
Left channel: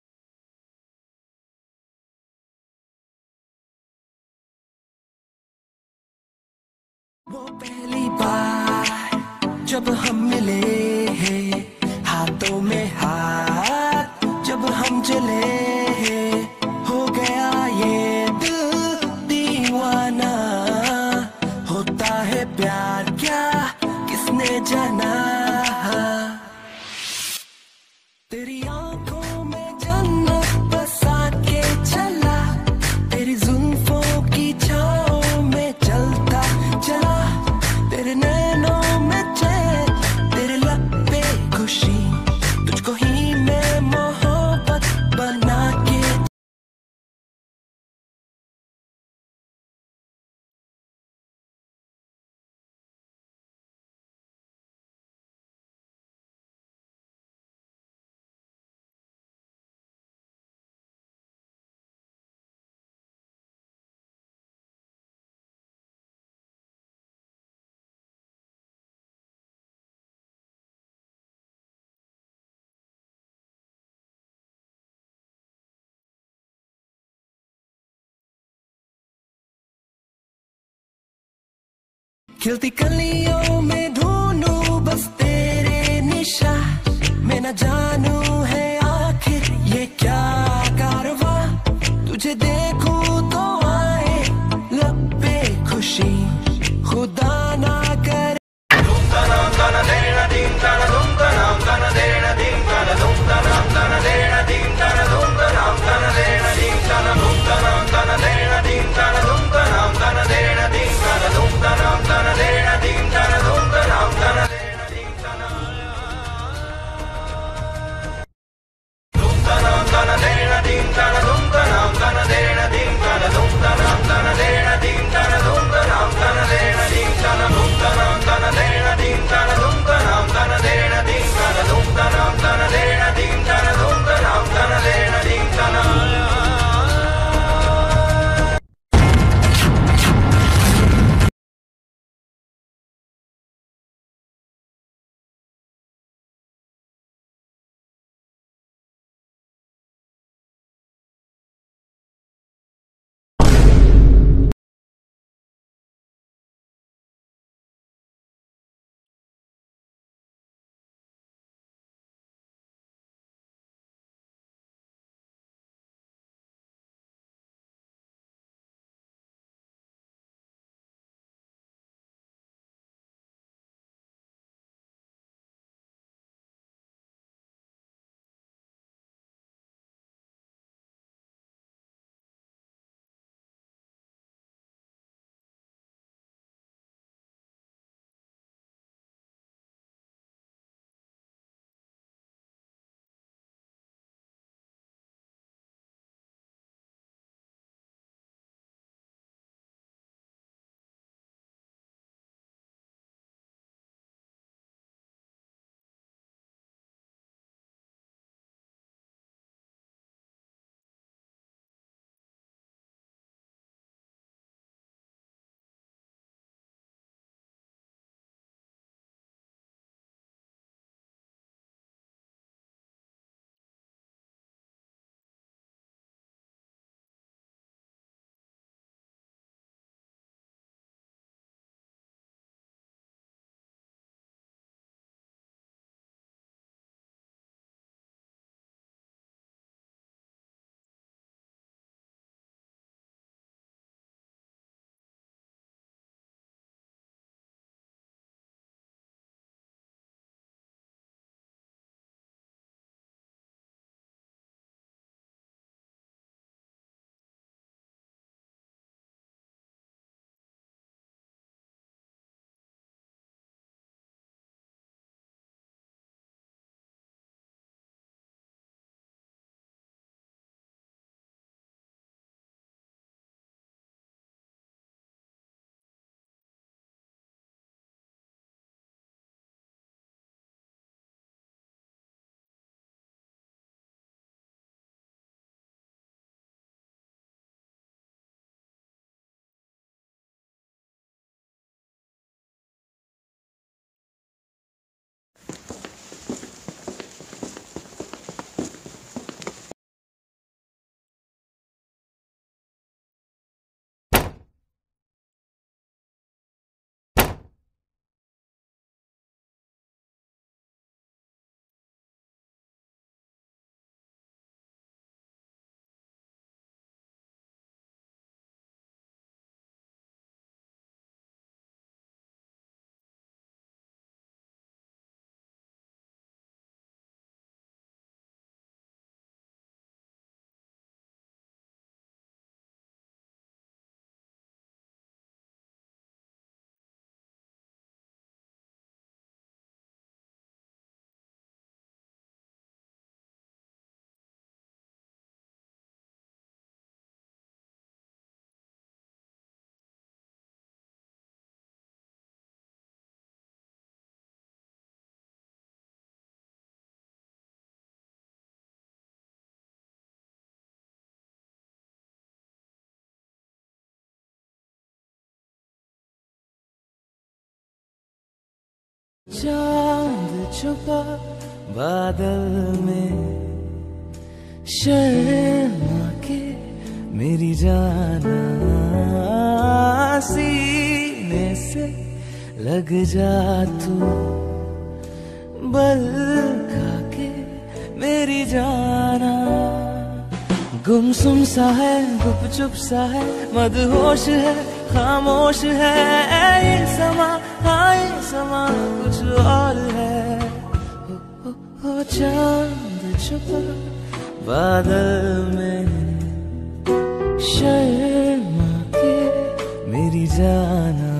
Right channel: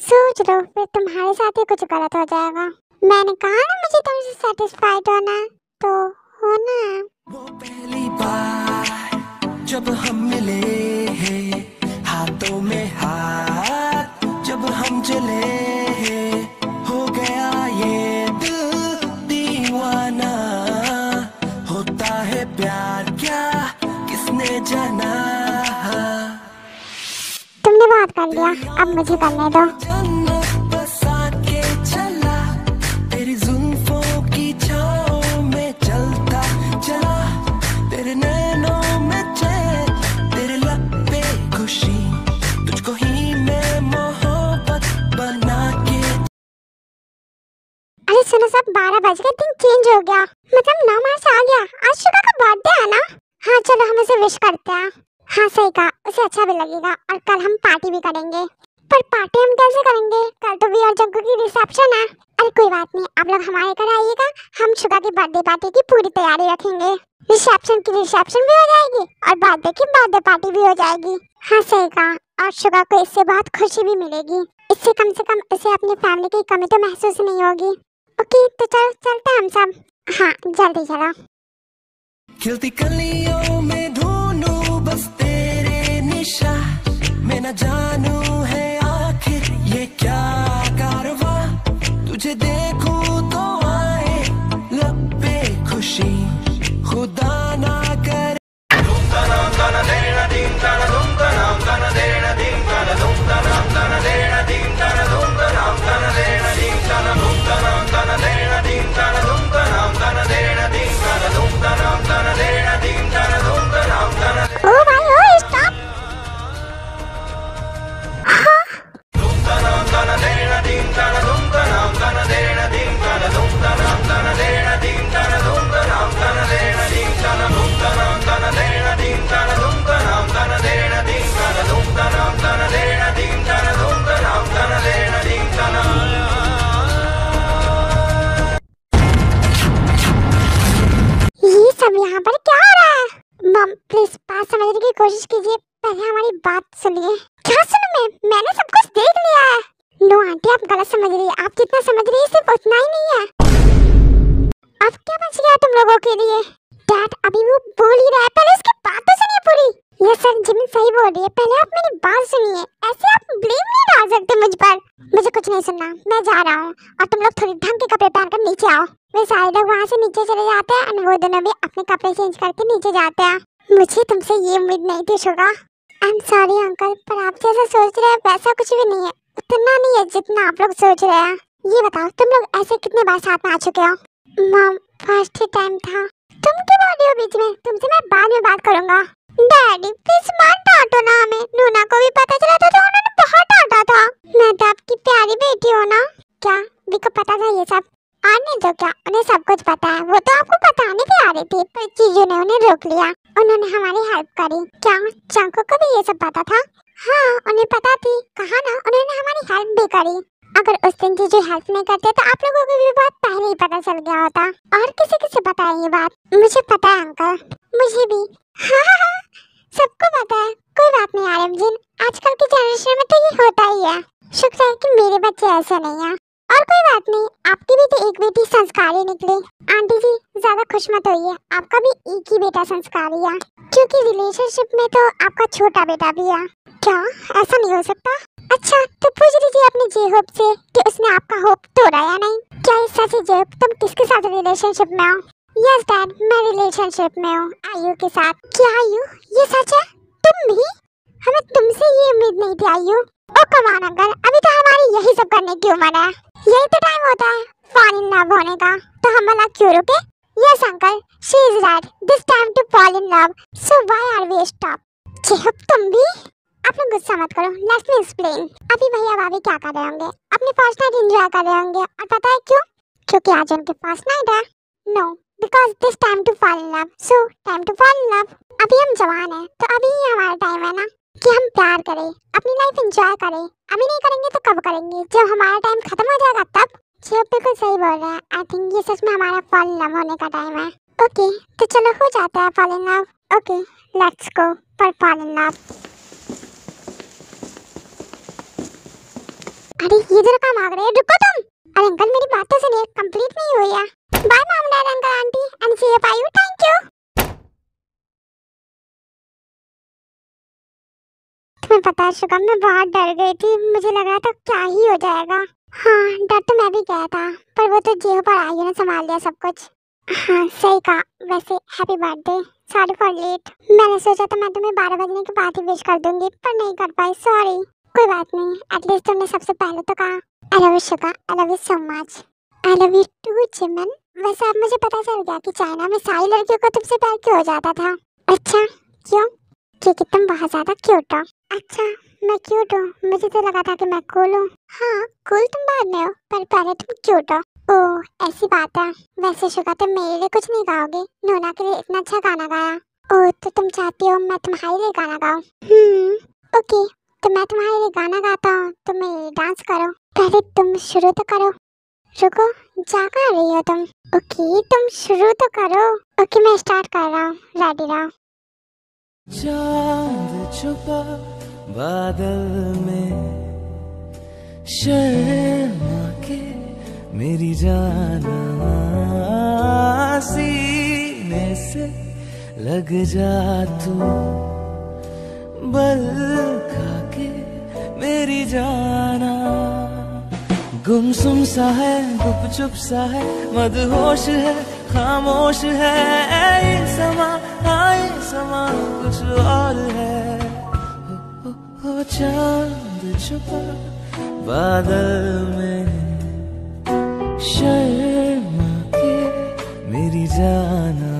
सोच लो फिर तुम्हारे साथ ही कुछ गलत हो जाएगा। मैंने कहा ना मुझे तुमसे सेटिस्फाइड होना है, तो होना है। वो पहली बार जब हम मिले हैं, हाथों में हाथ जब हम चले हैं, हो गया ये दिल दीवाना। होता है प्यार क्या किसने जाना। तुमने बात कर लिया, अब मुझे करने दो। जन्नत बसा के चला, तेरी जुल्फों की छाँव में चलता चला, तेरे नैनों में चैन, तेरे लब पे खुशी, तुझको ही मैं मोहब्बत बना के। अरे सुनो सब, 12 बज गए, दिन चेंज हो गया, मतलब 9 मार्च आ गया। आज शुगा का बर्थडे है ना? हाँ चलो हम उसे विश करते हैं। हाँ सही कहा, उसे अच्छा भी लगेगा। और कल हम पार्टी भी करेंगे। पर पार्टी हम कैसे करेंगे? कल तो वी और जग्गू की रिसेप्शन है। अरे कोई बात नहीं, आप लोग हमारे घर आइएगा, हम शुगा की बर्थडे पार्टी की पूरी तैयारी रखेंगे। रिसेप्शन की रिसेप्शन भी हो जाएगी और बर्थडे की बर्थडे पार्टी भी हो जाएगी। हाँ सही कहा, और शुगा को इससे बहुत खुशी भी मिलेगी। इससे कम से कम उसे अपनी फैमिली की कमी तो महसूस नहीं होगी। ओके तो चलो चलते हैं हम सब। हाँ जल्दी चलो। खिलती कलियों में ढूंढूं बस तेरे निशा, मैं न जानू है आखिर ये क्या कारवां, तुझे देखूं तो आए लब पे खुशी, खुदा ना करे। यहाँ पर क्या हो रहा है? मम प्लीज बात समझने की कोशिश कीजिए, पहले हमारी बात सुनिए। क्या सुनूं मैंने सब कुछ देख लिया है। नो आंटी आप गलत समझ रही है, आप जितना समझ रही है सिर्फ उतना ही नहीं है। अब क्या बच गया तुम लोगों के लिए? डैड अभी वो बोल ही रहा है, पहले उसकी बात तो सुनिए पूरी। ये सर जिमिन सही बोल रही है, पहले आप मेरी बात सुनिए। ऐसे आप ब्लेम नहीं डाल सकते मुझ पर। मुझे कुछ नहीं सुनना, मैं जा रहा हूँ और तुम लोग थोड़ी ढंग के कपड़े पहनकर नीचे आओ। वे सारे लोग वहाँ से नीचे चले जाते हैं और वो दोनों भी अपने कपड़े चेंज करके नीचे जाते हैं। मुझे तुमसे ये उम्मीद नहीं थी Suga. I am sorry uncle, पर आप जैसा सोच रहे हैं वैसा कुछ भी नहीं है, उतना नहीं है जितना आप लोग सोच रहे हैं। ये बताओ तुम लोग ऐसे कितने बार साथ में आ चुके हो? मॉम फर्स्ट ही टाइम था। तुम क्यों बोल रही हो बीच में? तुमसे मैं बाद में बात करूंगा। डैडी प्लीज मत डांटो ना हमें, नूना को भी पता चला था तो उन्होंने बहुत डांटा था। मैं तो आपकी प्यारी बेटी हूँ ना। क्या भी को पता था ये सब? आने दो, क्या उन्हें सब कुछ पता है? वो तो आपको बताने भी आ रही थी पर चीजों ने उन्हें रोक लिया। उन्होंने हमारी हेल्प करी। क्या चंको को भी ये सब पता था? हाँ उन्हें पता थी, कहा ना उन्होंने हमारी हेल्प भी करी। अगर उस दिन चीजों हेल्प नहीं करते तो आप लोगों को भी बात पहले ही पता चल गया होता। और किसी किसी पता है ये बात? मुझे पता है अंकल, मुझे भी। हाँ सबको पता है। कोई बात नहीं आरमजीन, आजकल की जनरेशन में तो ये होता ही है। शुक्र है कि मेरे बच्चे ऐसे नहीं हैं। और कोई बात नहीं, आपकी भी तो एक बेटी संस्कारी निकली। आंटी जी ज्यादा खुश मत होइए, आपका भी एक ही बेटा संस्कारी है, क्योंकि रिलेशनशिप में तो आपका छोटा बेटा भी है। क्या ऐसा नहीं हो सकता? अच्छा तो पूछ लीजिए अपने जे होप से कि उसने आपका होप तोड़ा या नहीं। क्या ये सच है जे होप, तुम किसके साथ रिलेशनशिप में हो? यस डैड, मैं रिलेशनशिप में हूँ आयु के साथ। क्या आयु, ये सच है? तुम भी? हमें तुमसे ये उम्मीद नहीं थी आयु। ओ कम ऑन अंकल, अभी तो हमारी यही सब करने की उम्र है, यही तो टाइम होता है फॉल इन लव होने का, तो हम भला क्यों रुके? Yes uncle, she is right, this time to fall in love, so why are we stop? J Hope तुम भी? आप लोग गुस्सा मत करो, लेट मी एक्सप्लेन। अभी भैया भाभी क्या कर रहे होंगे? अपनी फर्स्ट नाइट एंजॉय कर रहे होंगे, और पता है क्यों? क्योंकि आज उनके फर्स्ट नाइट है। No, because this time to fall in love, so time to fall in love. अभी हम जवान हैं, तो अभी ही हमारा टाइम है ना कि हम प्यार करें, अपनी लाइफ एंजॉय करें। अभी नहीं करेंगे तो कब करेंगे? जब हमारा टाइम खत्म हो जाएगा तब। जी आप बिल्कुल सही बोल रहे हैं। आई थिंक ये सच में हमारा फॉल इन लव होने का टाइम है। ओके, तो चलो हो जाता है fall in love. Okay, let's go for fall in love. अरे ये जरा कहाँ भाग रहे हैं? रुको तुम। अरे अंकल मेरी बात तो सुनिए, कंप्लीट नहीं हुई है। Bye mom dad uncle aunty and see you आयु, थैंक यू। तुम्हें पता है शुगम, मैं बहुत डर गई थी, मुझे लग रहा था क्या ही हो जाएगा। हाँ डर तो मैं भी गया था, पर वो तो जियो पर आयु ने संभाल लिया सब कुछ। हाँ सही कहा। वैसे happy birthday, sorry for late. मैंने सोचा था मैं तुम्हें 12 बजने के बाद ही विश कर दूंगी, पर नहीं कर पाई, सॉरी। कोई बात नहीं, एटलीस्ट तुमने सबसे पहले तो कहा। I love you Suga, I love you so much. I love you too Jimin. वैसे अब मुझे पता चल गया कि चाइना में सारी लड़कियों को तुमसे प्यार क्यों हो जाता था। अच्छा क्यों? क्योंकि तुम बहुत ज्यादा क्यूट हो। अच्छा मैं क्यूट हूँ? मुझे तो लगा था कि मैं कूल हूँ। हाँ कूल तुम बाद में हो, पर पहले तुम क्यूट हो। ओह ऐसी बात है। वैसे शुगा तुम मेरे लिए कुछ नहीं गाओगे? नोना के लिए इतना अच्छा गाना गाया। ओह तो तुम चाहती हो मैं तुम्हारे लिए गाना गाऊँ? ओके, तो मैं तुम्हारे लिए गाना गाता हूँ, तुम मेरे लिए डांस करो। पहले तुम शुरू तो करो। रुको, जा कहाँ रही हो तुम? ओके तुम शुरू तो करो। ओके मैं स्टार्ट कर रहा हूँ, रेडी रहो। चांद छुपा बादल में, शर्मा के मेरी जाना, सीने से लग जा तू, बल खा के मेरी जाना। गुमसुम सा है, गुपचुप सा है, मदहोश है, खामोश है ये समा, हाँ ये समा कुछ और है। हो चांद छुपा बादल में, शर्मा के मेरी जाना,